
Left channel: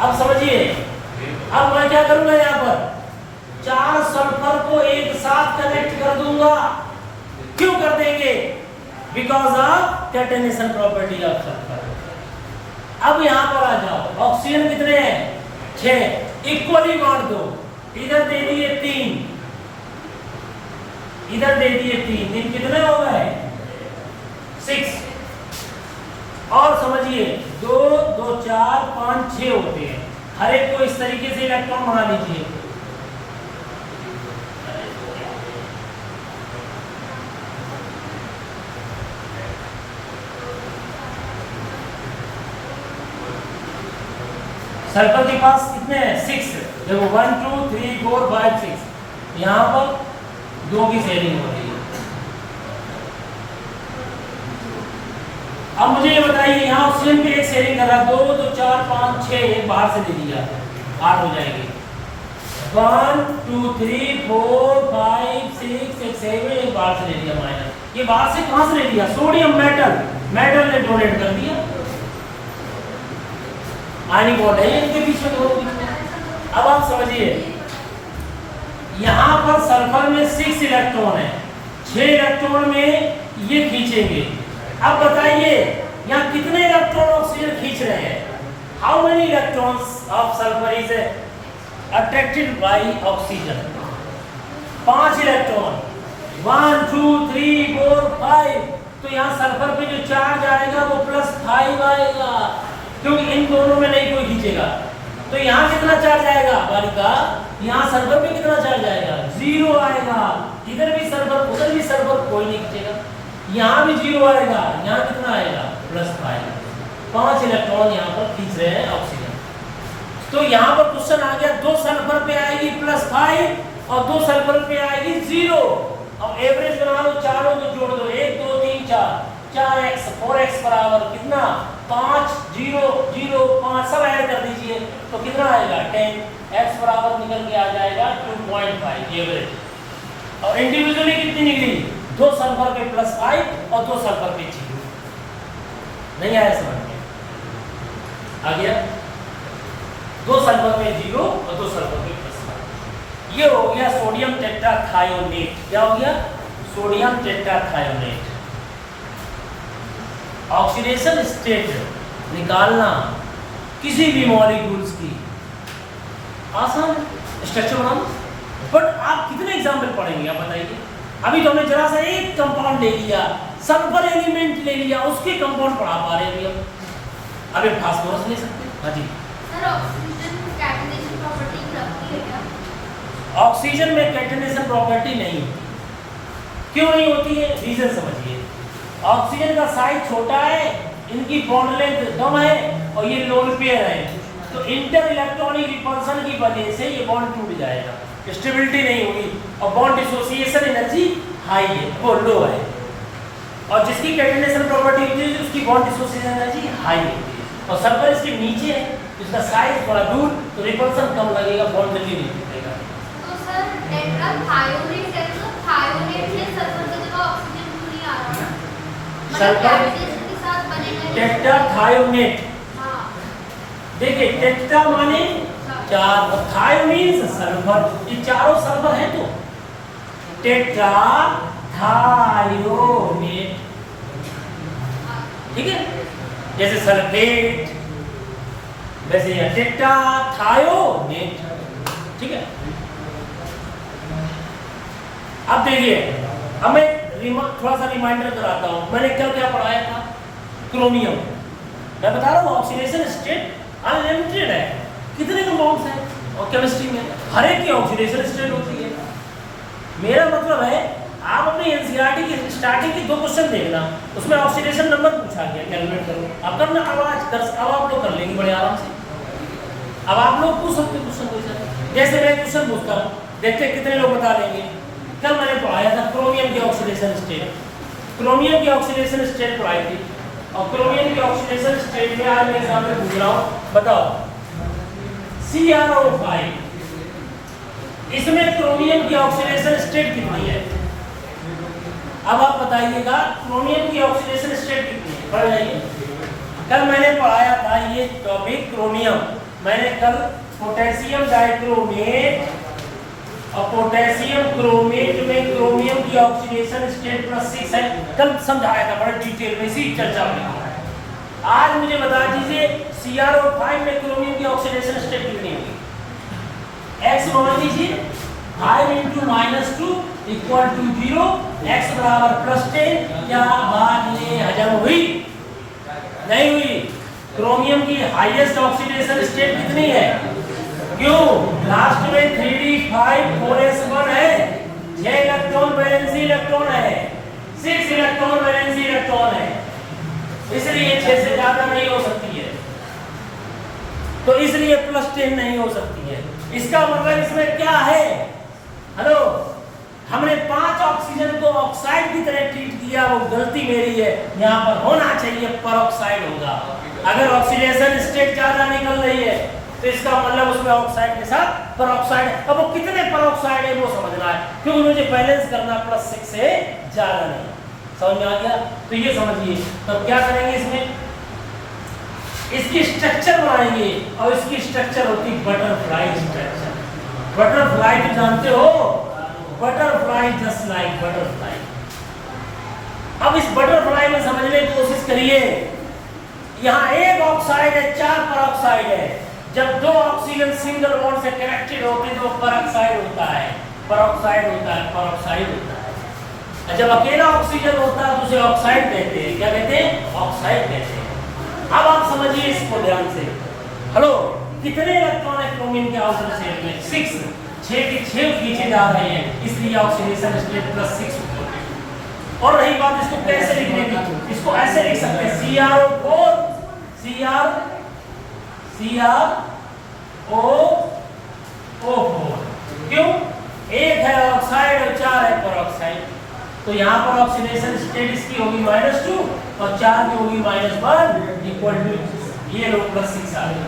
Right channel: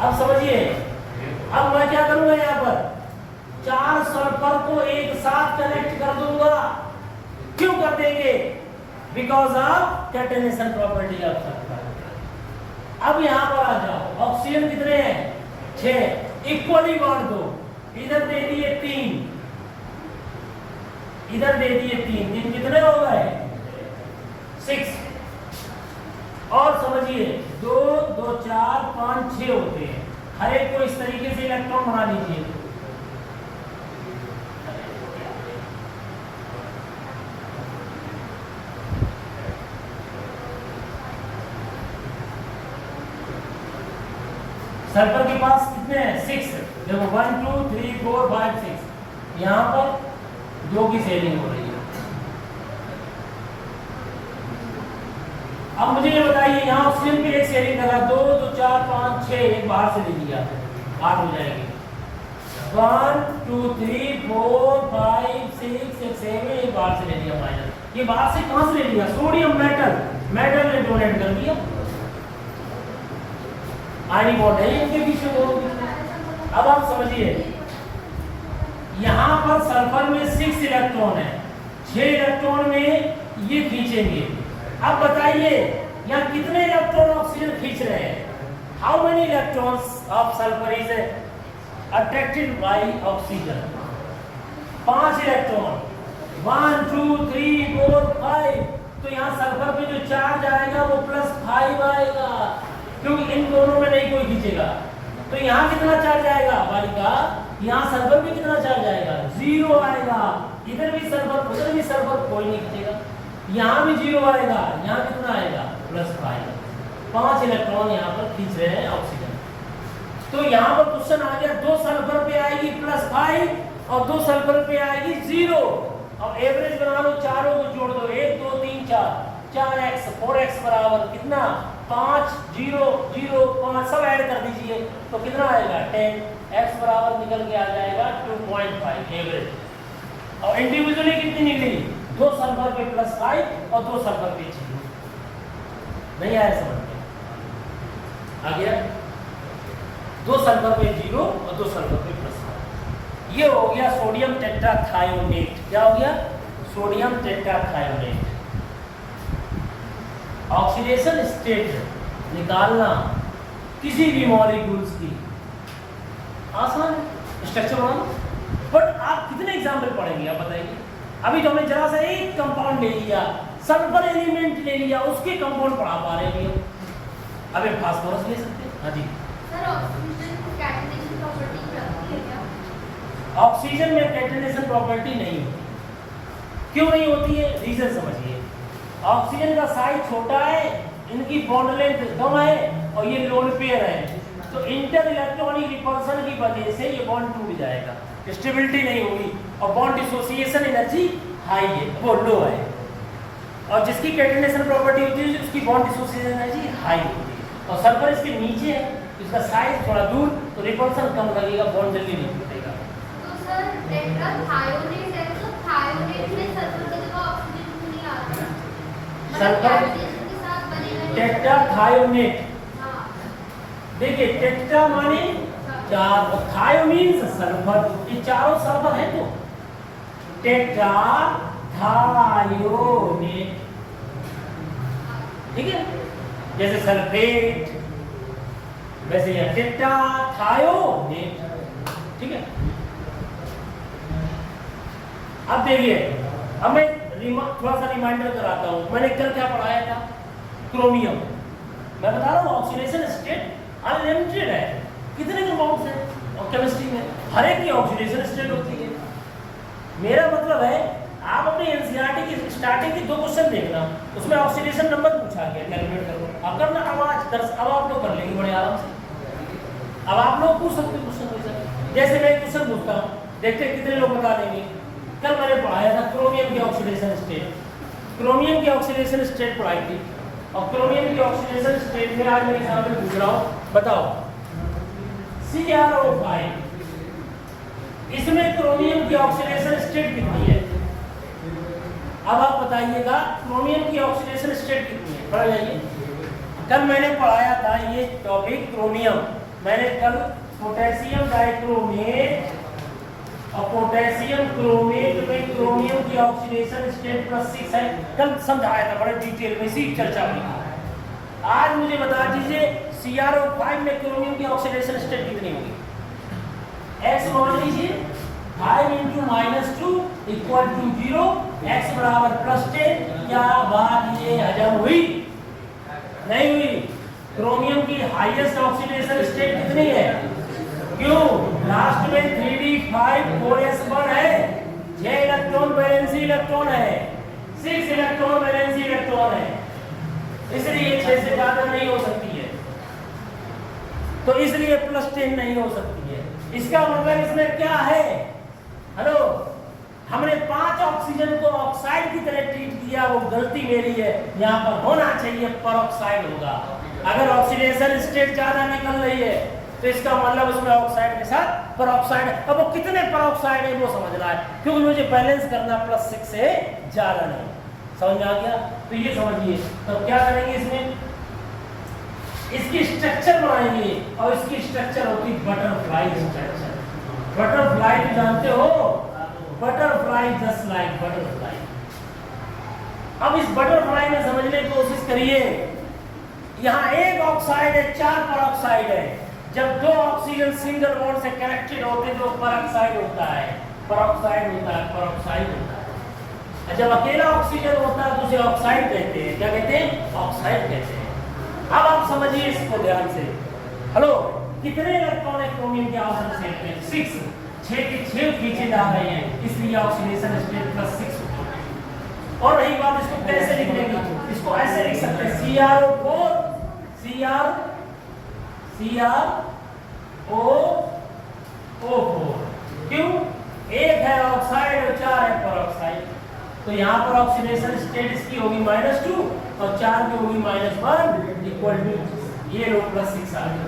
अब समझिए, अब मैं क्या करूंगा, यहाँ पर 4 सल्फर को एक साथ कनेक्ट कर दूंगा। क्यों कर देंगे? Because of catenation property of sulphur. अब यहाँ पर आ जाओ, ऑक्सीजन कितने हैं? 6, इक्वली बांट दो। इधर दे दिए 3, इधर दे दिए 3, दिन कितने हो गए? 6। और समझिए 2 2 4 5 6 होते हैं, हर एक को इस तरीके से इलेक्ट्रॉन बना लीजिए। सल्फर के पास कितने हैं? 6। देखो 1 2 3 4 5 6, यहाँ पर 2 की शेयरिंग हो रही है। अब मुझे ये बताइए, यहाँ ऑक्सीजन पे एक शेयरिंग कर रहा है, 2 2 4 5 6, एक बाहर से ले लिया, 8 हो जाएंगे। 1 2 3 4 5 6 7, एक बाहर से ले लिया माइनस। ये बाहर से कहाँ से ले लिया? सोडियम मेटल ने डोनेट कर दिया। आयनिक बॉन्ड है इनके बीच में, दोनों बीच में। अब आप समझिए, यहाँ पर सल्फर में 6 इलेक्ट्रॉन है, 6 इलेक्ट्रॉन में ये खींचेंगे। अब बताइए यहाँ कितने इलेक्ट्रॉन ऑक्सीजन खींच रहे हैं? How many electrons of sulphur is attracted by oxygen? 5 electron, 1 2 3 4 5। तो यहाँ सल्फर पे जो चार्ज आएगा वो +5 आएगा, क्योंकि इन दोनों में नहीं कोई खींचेगा। तो यहाँ कितना चार्ज आएगा बालिका? यहाँ सल्फर पे कितना चार्ज आएगा? 0 आएगा। इधर भी सल्फर, उधर भी सल्फर, कोई नहीं खींचेगा। यहाँ भी 0 आएगा, यहाँ कितना आएगा? +5। 5 इलेक्ट्रॉन यहाँ पर खींच रहे हैं ऑक्सीजन। तो यहाँ पर क्वेश्चन आ गया, 2 सल्फर पे आएगी +5 और 2 सल्फर पे आएगी 0। अब एवरेज बना लो, चारों को जोड़ दो, 1 2 3 4, 4x 4x बराबर कितना? 5 0 0 5, सब ऐड कर दीजिए तो कितना आएगा? 10। x बराबर निकल के आ जाएगा 2.5 एवरेज। और इंडिविजुअली कितनी निकली? 2 सल्फर पे +5 और 2 सल्फर पे 0। नहीं आया समझ में? आ गया? 2 सल्फर पे 0 और 2 सल्फर पे +5। ये हो गया सोडियम टेट्राथायोनेट। क्या हो गया? Sodium tetrathionate. ऑक्सीडेशन स्टेट निकालना किसी भी मॉलिक्यूल्स की आसान स्ट्रक्चर बनाना, बट आप कितने एग्जाम्पल पढ़ेंगे आप बताइए? अभी तो हमने जरा सा एक कंपाउंड ले लिया, सल्फर एलिमेंट ले लिया, उसके कंपाउंड पढ़ा पा रहे हैं अब एक फास्फोरस ले सकते हैं। हाँ जी सर, ऑक्सीजन कैटेनेशन प्रॉपर्टी रखती है क्या? ऑक्सीजन में कैटेनेशन प्रॉपर्टी नहीं होती। क्यों नहीं होती है? रीजन समझिए। ऑक्सीजन का साइज छोटा है, इनकी बॉन्ड लेंथ कम है और ये लोन पेयर है, तो इंटर इलेक्ट्रॉनिक रिपल्सन की वजह से ये बॉन्ड टूट जाएगा, स्टेबिलिटी नहीं होगी और बॉन्ड डिसोसिएशन एनर्जी हाई है, वो लो है। और जिसकी कैटेनेशन प्रॉपर्टी होती है उसकी बॉन्ड डिसोसिएशन एनर्जी हाई होती है, और सल्फर इसके नीचे है, इसका साइज थोड़ा दूर, तो रिपल्सन कम लगेगा, बॉन्ड जल्दी नहीं टूटेगा। तो सर टेट्राथायोनेट है, तो थायोनेट में सल्फर की जगह ऑक्सीजन क्यों नहीं आ रहा? मतलब कैटेनेशन के साथ बनेगा टेट्राथायोनेट। हां, देखिए टेट्रा माने चार और थायो मींस सल्फर, ये चारों सल्फर है तो टेट्रा थायोनेट, ठीक है? जैसे सल्फेट वैसे यह टेट्रा थायोनेट, ठीक है? अब देखिए, अब मैं थोड़ा सा रिमाइंडर कराता हूं, मैंने कल क्या पढ़ाया था? क्रोमियम। मैं बता रहा हूं ऑक्सीडेशन स्टेट अनलिमिटेड है, कितने कंपाउंड्स हैं और केमिस्ट्री में हर एक की ऑक्सीडेशन स्टेट होती है। मेरा मतलब है आप अपने एनसीईआरटी की स्टार्टिंग के 2 क्वेश्चन देखना, उसमें ऑक्सीडेशन नंबर पूछा गया, कैलकुलेट करो। अब करना, अब आप लोग कर लेंगे बड़े आराम से। अब आप लोग पूछ सकते क्वेश्चन, जैसे मैं क्वेश्चन पूछता हूँ, देखते हैं कितने लोग बता लेंगे। कल मैंने पढ़ाया था क्रोमियम की ऑक्सीडेशन स्टेट, क्रोमियम की ऑक्सीडेशन स्टेट पढ़ाई थी, और क्रोमियम की ऑक्सीडेशन स्टेट में आज मैं एग्जांपल पूछ रहा हूँ, बताओ CrO5, इसमें क्रोमियम की ऑक्सीडेशन स्टेट कितनी है? अब आप बताइएगा क्रोमियम की ऑक्सीडेशन स्टेट कितनी है, पढ़ जाइए। कल मैंने पढ़ाया था ये टॉपिक क्रोमियम, मैंने कल पोटेशियम डाइक्रोमेट और पोटेशियम क्रोमेट में क्रोमियम की ऑक्सीडेशन स्टेट +6 है, कल समझाया था बड़े डिटेल में, इसी चर्चा में। आज मुझे बता दीजिए CrO5 में क्रोमियम की ऑक्सीडेशन स्टेट कितनी होगी? x मान लीजिए 5 × -2 = 0, x = +10। क्या बात ये हजम हुई? नहीं हुई। क्रोमियम की हाईएस्ट ऑक्सीडेशन स्टेट कितनी है? क्यों? लास्ट में 3d5 4s1 है, 6 इलेक्ट्रॉन वैलेंसी इलेक्ट्रॉन है, 6 इलेक्ट्रॉन वैलेंसी इलेक्ट्रॉन है, इसलिए 6 से ज्यादा नहीं हो सकती है, तो इसलिए +10 नहीं हो सकती है। इसका मतलब इसमें क्या है? हेलो, हमने 5 ऑक्सीजन को ऑक्साइड की तरह ट्रीट किया, वो गलती मेरी है। यहाँ पर होना चाहिए परऑक्साइड होगा। अगर ऑक्सीडेशन स्टेट ज्यादा निकल रही है तो इसका मतलब उसमें ऑक्साइड के साथ परऑक्साइड है। अब वो कितने परऑक्साइड है वो समझना है, क्योंकि मुझे बैलेंस करना +6 से ज्यादा नहीं। समझ में आ गया? तो ये समझिए। तो क्या करेंगे इसमें? इसकी स्ट्रक्चर बनाएंगे, और इसकी स्ट्रक्चर होती बटरफ्लाई स्ट्रक्चर। बटरफ्लाई तो जानते हो, बटरफ्लाई जस्ट लाइक बटरफ्लाई। अब इस बटरफ्लाई में समझने की कोशिश करिए। यहाँ एक ऑक्साइड है, 4 परऑक्साइड है। जब 2 ऑक्सीजन सिंगल बॉन्ड से कनेक्टेड होते हैं तो परऑक्साइड होता है, परऑक्साइड होता है, परऑक्साइड होता है। जब अकेला ऑक्सीजन होता है तो उसे ऑक्साइड कहते हैं। क्या कहते हैं? ऑक्साइड कहते हैं। अब आप समझिए इसको ध्यान से। हेलो, कितने इलेक्ट्रॉन है क्रोमियम के आउटर शेल में? 6। 6 के 6 खींचे जा रहे हैं, इसलिए ऑक्सीडेशन स्टेट +6 होता है। और रही बात इसको कैसे लिखने की, इसको ऐसे लिख सकते हैं CrO4 क्यों? एक है ऑक्साइड और 4 है परऑक्साइड, तो यहाँ पर ऑक्सीडेशन स्टेट इसकी होगी -2 और 4 की होगी -1 = ये लो +6 आ गया।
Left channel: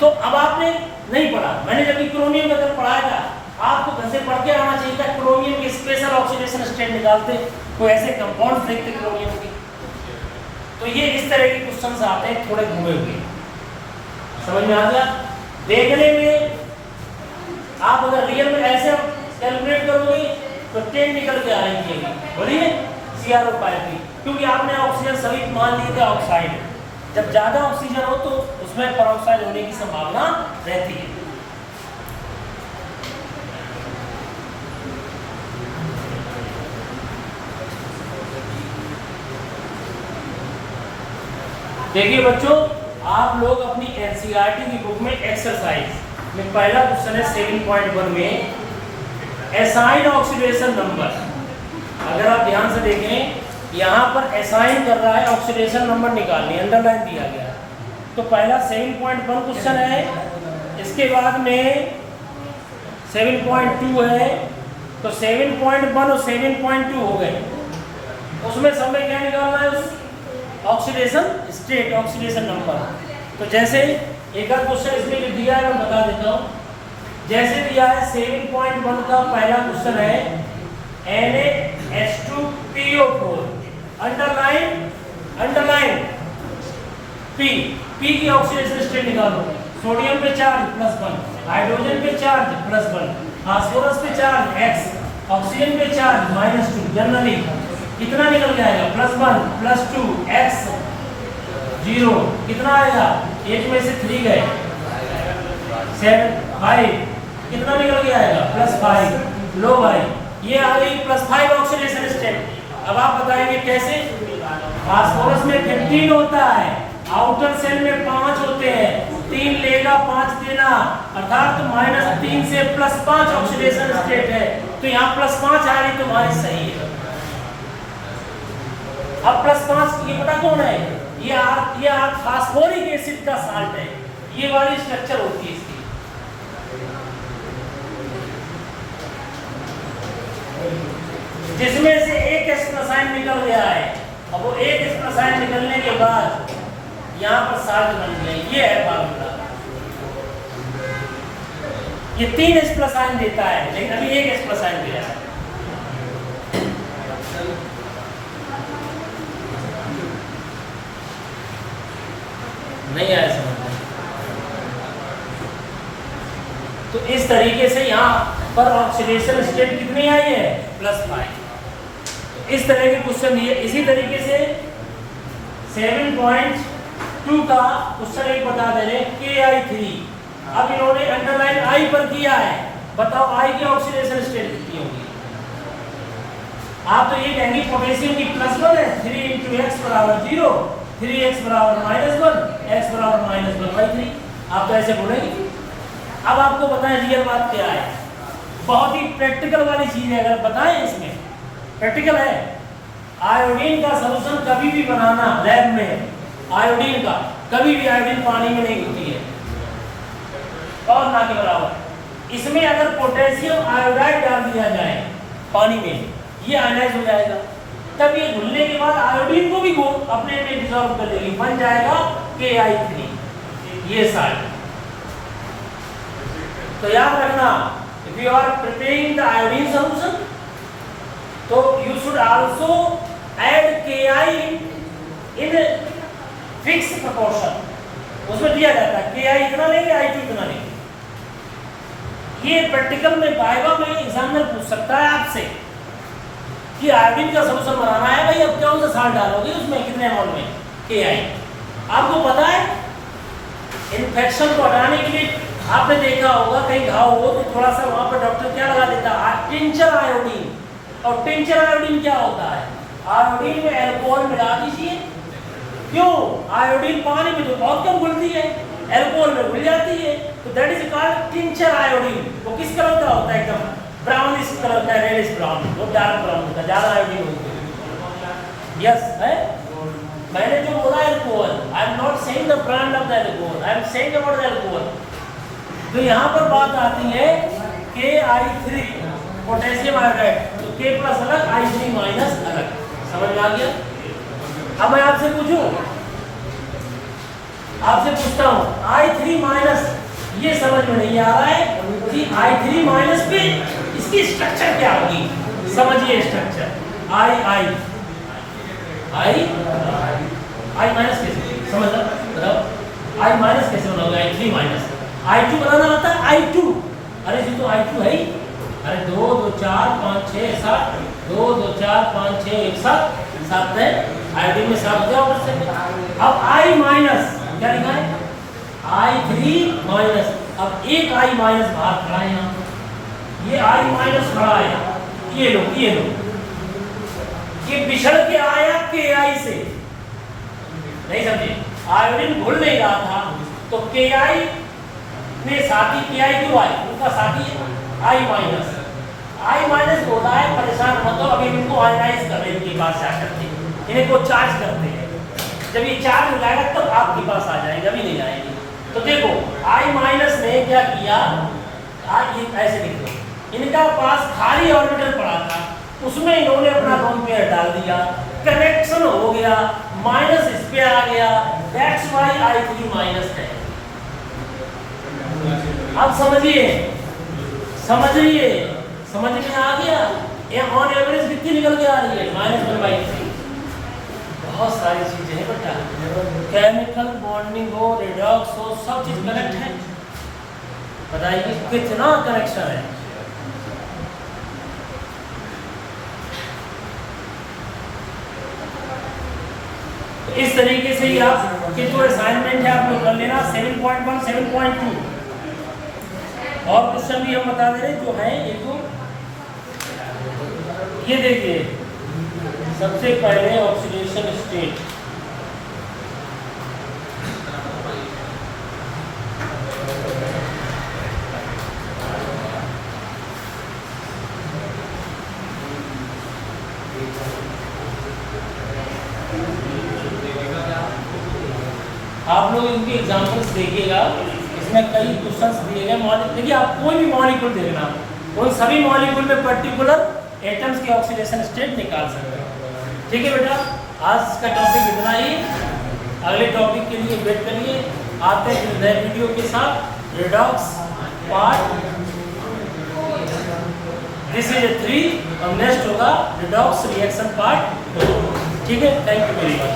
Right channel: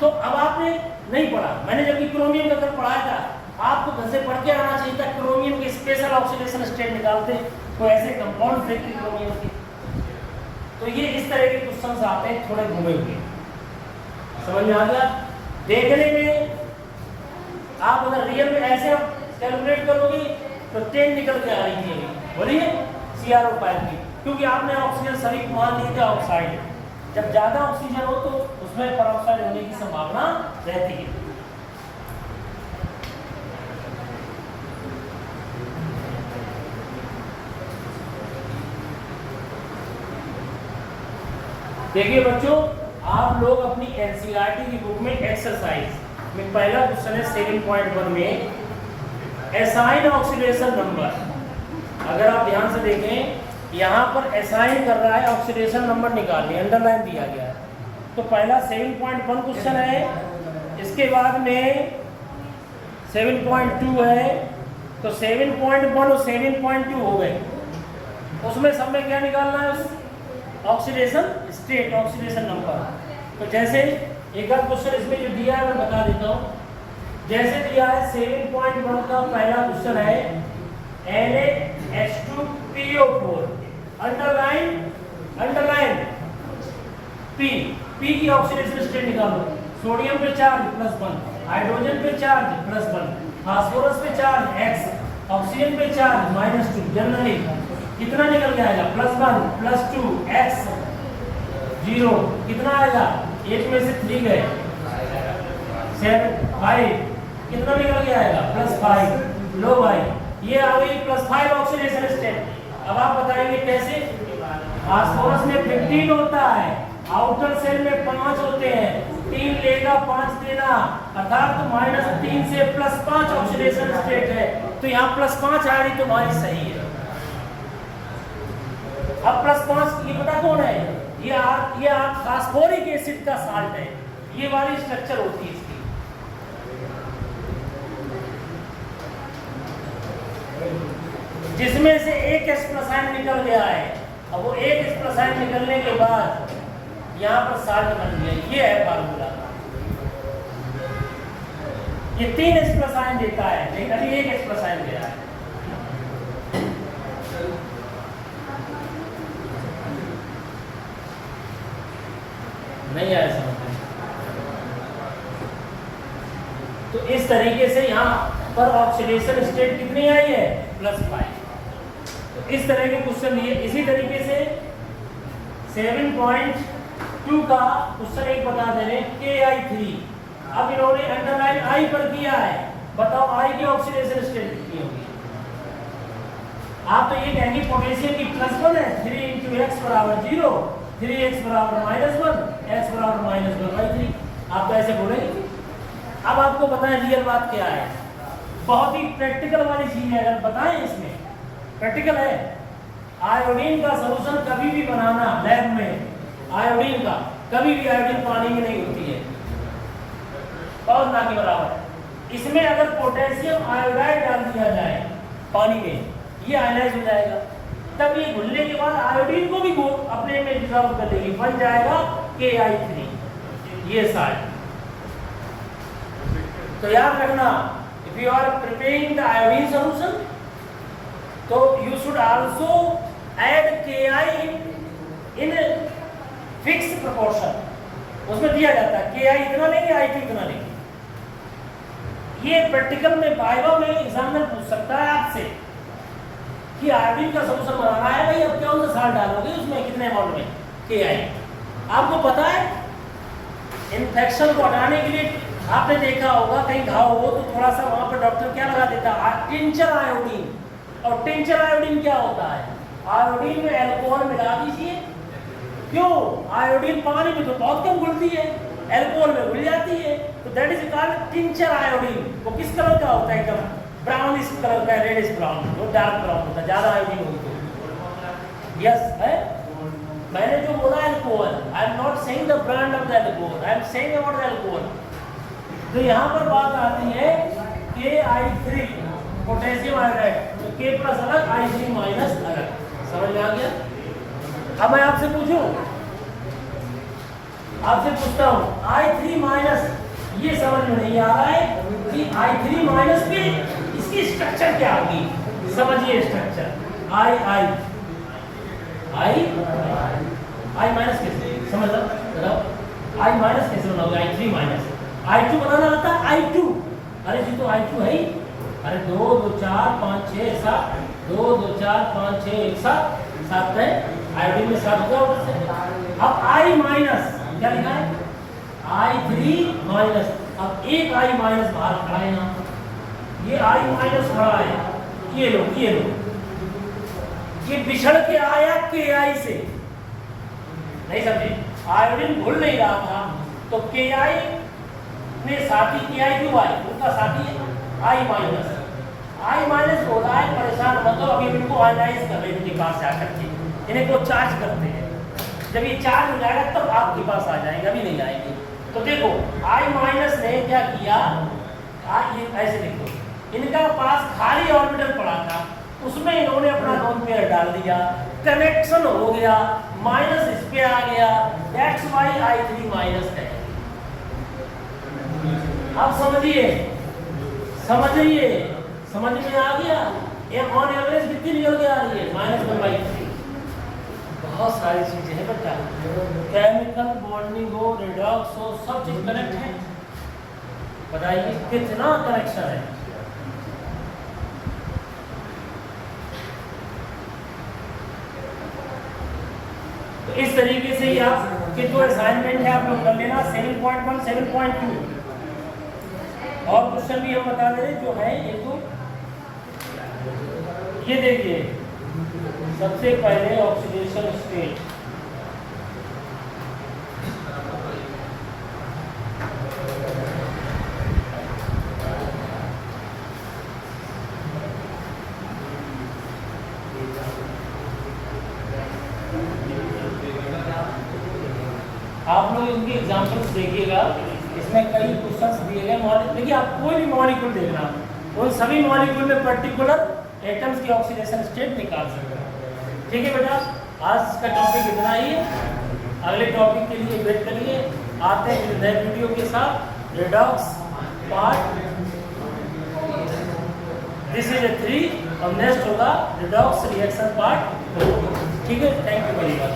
तो अब आपने नहीं पढ़ा, मैंने जब क्रोमियम का कल पढ़ाया था, आपको घर से पढ़ के आना चाहिए था। क्रोमियम की स्पेशल ऑक्सीडेशन स्टेट निकालते, कोई ऐसे कंपाउंड देखते क्रोमियम की। तो ये इस तरह के क्वेश्चंस आते हैं, थोड़े घूमे हुए। समझ में आ गया? देखने में आप अगर रियल में ऐसे कैलकुलेट करोगे तो 10 निकल के आएगी। बोलिए CrO5 की, क्योंकि आपने ऑक्सीजन सभी मान ली था ऑक्साइड। जब ज्यादा ऑक्सीजन हो तो उसमें परऑक्साइड होने की संभावना रहती है। देखिए बच्चों, आप लोग अपनी एनसीईआरटी की बुक में एक्सरसाइज में पहला क्वेश्चन है 7.1 में असाइन ऑक्सीडेशन नंबर। अगर आप ध्यान से देखें यहाँ पर असाइन कर रहा है ऑक्सीडेशन नंबर निकालनी, अंडरलाइन दिया गया है। तो पहला 7.1 क्वेश्चन है, इसके बाद में 7.2 है, तो 7.1 और 7.2 हो गए। उसमें सब में क्या निकालना है? उस ऑक्सीडेशन स्टेट, ऑक्सीडेशन नंबर। तो जैसे एक आध क्वेश्चन इसमें जो दिया है मैं बता देता हूँ। जैसे दिया है 7.1 का पहला क्वेश्चन है NaH2PO4, अंडरलाइन P की ऑक्सीडेशन स्टेट निकालो। सोडियम पे चार्ज +1, हाइड्रोजन पे चार्ज +1, फास्फोरस पे चार्ज X, ऑक्सीजन पे चार्ज -2। जनरली कितना निकल जाएगा? +1 +2 X 0, कितना आएगा? 1 में से 3 गए, 7 5, कितना निकल के आएगा? +5। लो भाई, ये आ गई +5 ऑक्सीडेशन स्टेट। अब आप बताएंगे कैसे? फास्फोरस में 15 होता है, आउटर सेल में 5 होते हैं, 3 लेगा 5 देना, अर्थात -3 से +5 ऑक्सीडेशन स्टेट है। तो यहाँ +5 आ रही तुम्हारी सही है। अब +5 ये पता कौन है? ये फास्फोरिक एसिड का साल्ट है। ये वाली स्ट्रक्चर होती है इसकी। जिसमें से एक एक्सप्रेसाइन निकल गया है। अब वो एक एक्सप्रेसाइन निकलने के बाद यहाँ पर साल्ट बन गया। ये है फार्मूला। ये 3 एक्सप्रेसाइन देता है, लेकिन अभी एक एक्सप्रेसाइन दिया है। नहीं आया समझ में? तो इस तरीके से यहाँ पर ऑक्सीडेशन स्टेट कितनी आई है? +5। तो इस तरह के क्वेश्चन ये। इसी तरीके से 7.2 का क्वेश्चन एक बता दे रहे Ki3। अब इन्होंने अंडरलाइन I पर किया है। बताओ I की ऑक्सीडेशन स्टेट कितनी होगी? आप तो ये कहेंगे पोटेशियम की +1 है, 3 × x = 0, 3x = -1, x = -1/3। आप तो ऐसे बोलेंगे। अब आपको बताएं रियल बात क्या है। बहुत ही प्रैक्टिकल वाली चीज है। अगर बताएं इसमें प्रैक्टिकल है। आयोडीन का सॉल्यूशन कभी भी बनाना लैब में, आयोडीन का कभी भी आयोडीन पानी में नहीं होती है और ना के बराबर। इसमें अगर पोटेशियम आयोडाइड डाल दिया जाए पानी में, ये आयनाइज हो जाएगा। तब ये घुलने के बाद आयोडीन को भी अपने में डिसॉल्व कर लेगी, बन जाएगा Ki3। ये साल्ट। तो याद रखना, if you are preparing the iodine solution, तो you should also add Ki in fixed proportion। उसमें दिया जाता है Ki इतना लेंगे, I2 इतना लेंगे। ये प्रैक्टिकल में वाइवा में एग्जामिनर पूछ सकता है आपसे कि आयोडीन का सॉल्यूशन बनाना है भाई, अब कौन सा साल्ट डालोगे उसमें, कितने अमाउंट में? Ki। आपको पता है इन्फेक्शन को हटाने के लिए आपने देखा होगा कहीं घाव हो तो थोड़ा सा वहां पर डॉक्टर क्या लगा देता है? Tincture iodine. और टिंचर आयोडीन क्या होता है? आयोडीन में अल्कोहल मिला दीजिए। क्यों? आयोडीन पानी में तो बहुत कम घुलती है, अल्कोहल में घुल जाती है, तो that is called tincture iodine. वो किस कलर का होता है? एकदम ब्राउनिश कलर का, रेडिश ब्राउन, वो डार्क ब्राउन होता है, ज्यादा आयोडीन होती है। यस है। मैंने जो बोला alcohol, I am not saying the brand of the alcohol, I am saying about the alcohol. तो यहाँ पर बात आती है Ki3 पोटेशियम आयोडाइड, तो K प्लस अलग, I3 माइनस अलग। समझ में आ गया? अब मैं आपसे पूछूं, आपसे पूछता हूँ I3 माइनस, ये समझ में नहीं आ रहा है कि I3 माइनस पे इसकी स्ट्रक्चर क्या होगी? समझिए स्ट्रक्चर। I माइनस कैसे समझ बताओ? I माइनस कैसे बनाओगे? I3 माइनस I2 बनाना आता है I2, अरे जी तो I2 है ही। अरे 2 2 4 5 6 7 2 2 4 5 6 1 7 7 है। आईडी में 7 क्या और से अब I माइनस क्या लिखा है I3 माइनस। अब एक I माइनस बाहर खड़ा है यहाँ पर, ये I माइनस खड़ा है। ये लो ये बिछड़ के आया KI से, नहीं समझे? आयोडीन घुल नहीं रहा था तो KI में साथी KI क्यों आए? उनका साथी I माइनस। I माइनस होता है परेशान मतलब अभी इनको आयनाइज कर रहे हैं इनके पास जाकर के, इन्हें को चार्ज करते हैं। जब ये चार्ज हो जाएगा तब आपके पास आ जाएंगे, अभी नहीं आएंगे। तो देखो I माइनस ने क्या किया, ऐसे लिखो, इनका पास खाली ऑर्बिटल पड़ा था, उसमें इन्होंने अपना लोन पेयर डाल दिया, कनेक्शन हो गया, माइनस इस पे आ गया, XY I3 माइनस है। अब समझिए, समझ में आ गया? ये ऑन एवरेज कितनी निकल के आ रही है -1/3। बहुत सारी चीजें हैं बेटा, केमिकल बॉन्डिंग हो, रिडॉक्स हो, सब चीज कनेक्ट है। बताइए कितना कनेक्शन है। तो इस तरीके से ही आप कि जो असाइनमेंट है आप लोग कर लेना 7.1 7.2 और क्वेश्चन भी हम बता दे रहे जो है एक दो। ये देखिए सबसे पहले ऑक्सीडेशन स्टेट, आप लोग इनके एग्जांपल्स देखिएगा, इसमें कई क्वेश्चंस दिए गए। देखिए आप कोई भी मॉलिक्यूल देखना, उन सभी मॉलिक्यूल में पर्टिकुलर एटम्स की ऑक्सीडेशन स्टेट निकाल सकते हैं। ठीक है बेटा, आज का टॉपिक इतना ही, अगले टॉपिक के लिए वेट करिए, आते हैं नए वीडियो के साथ। रिडॉक्स पार्ट दिस इज 3 और नेक्स्ट होगा रिडॉक्स रिएक्शन पार्ट 2। ठीक है, थैंक यू वेरी मच।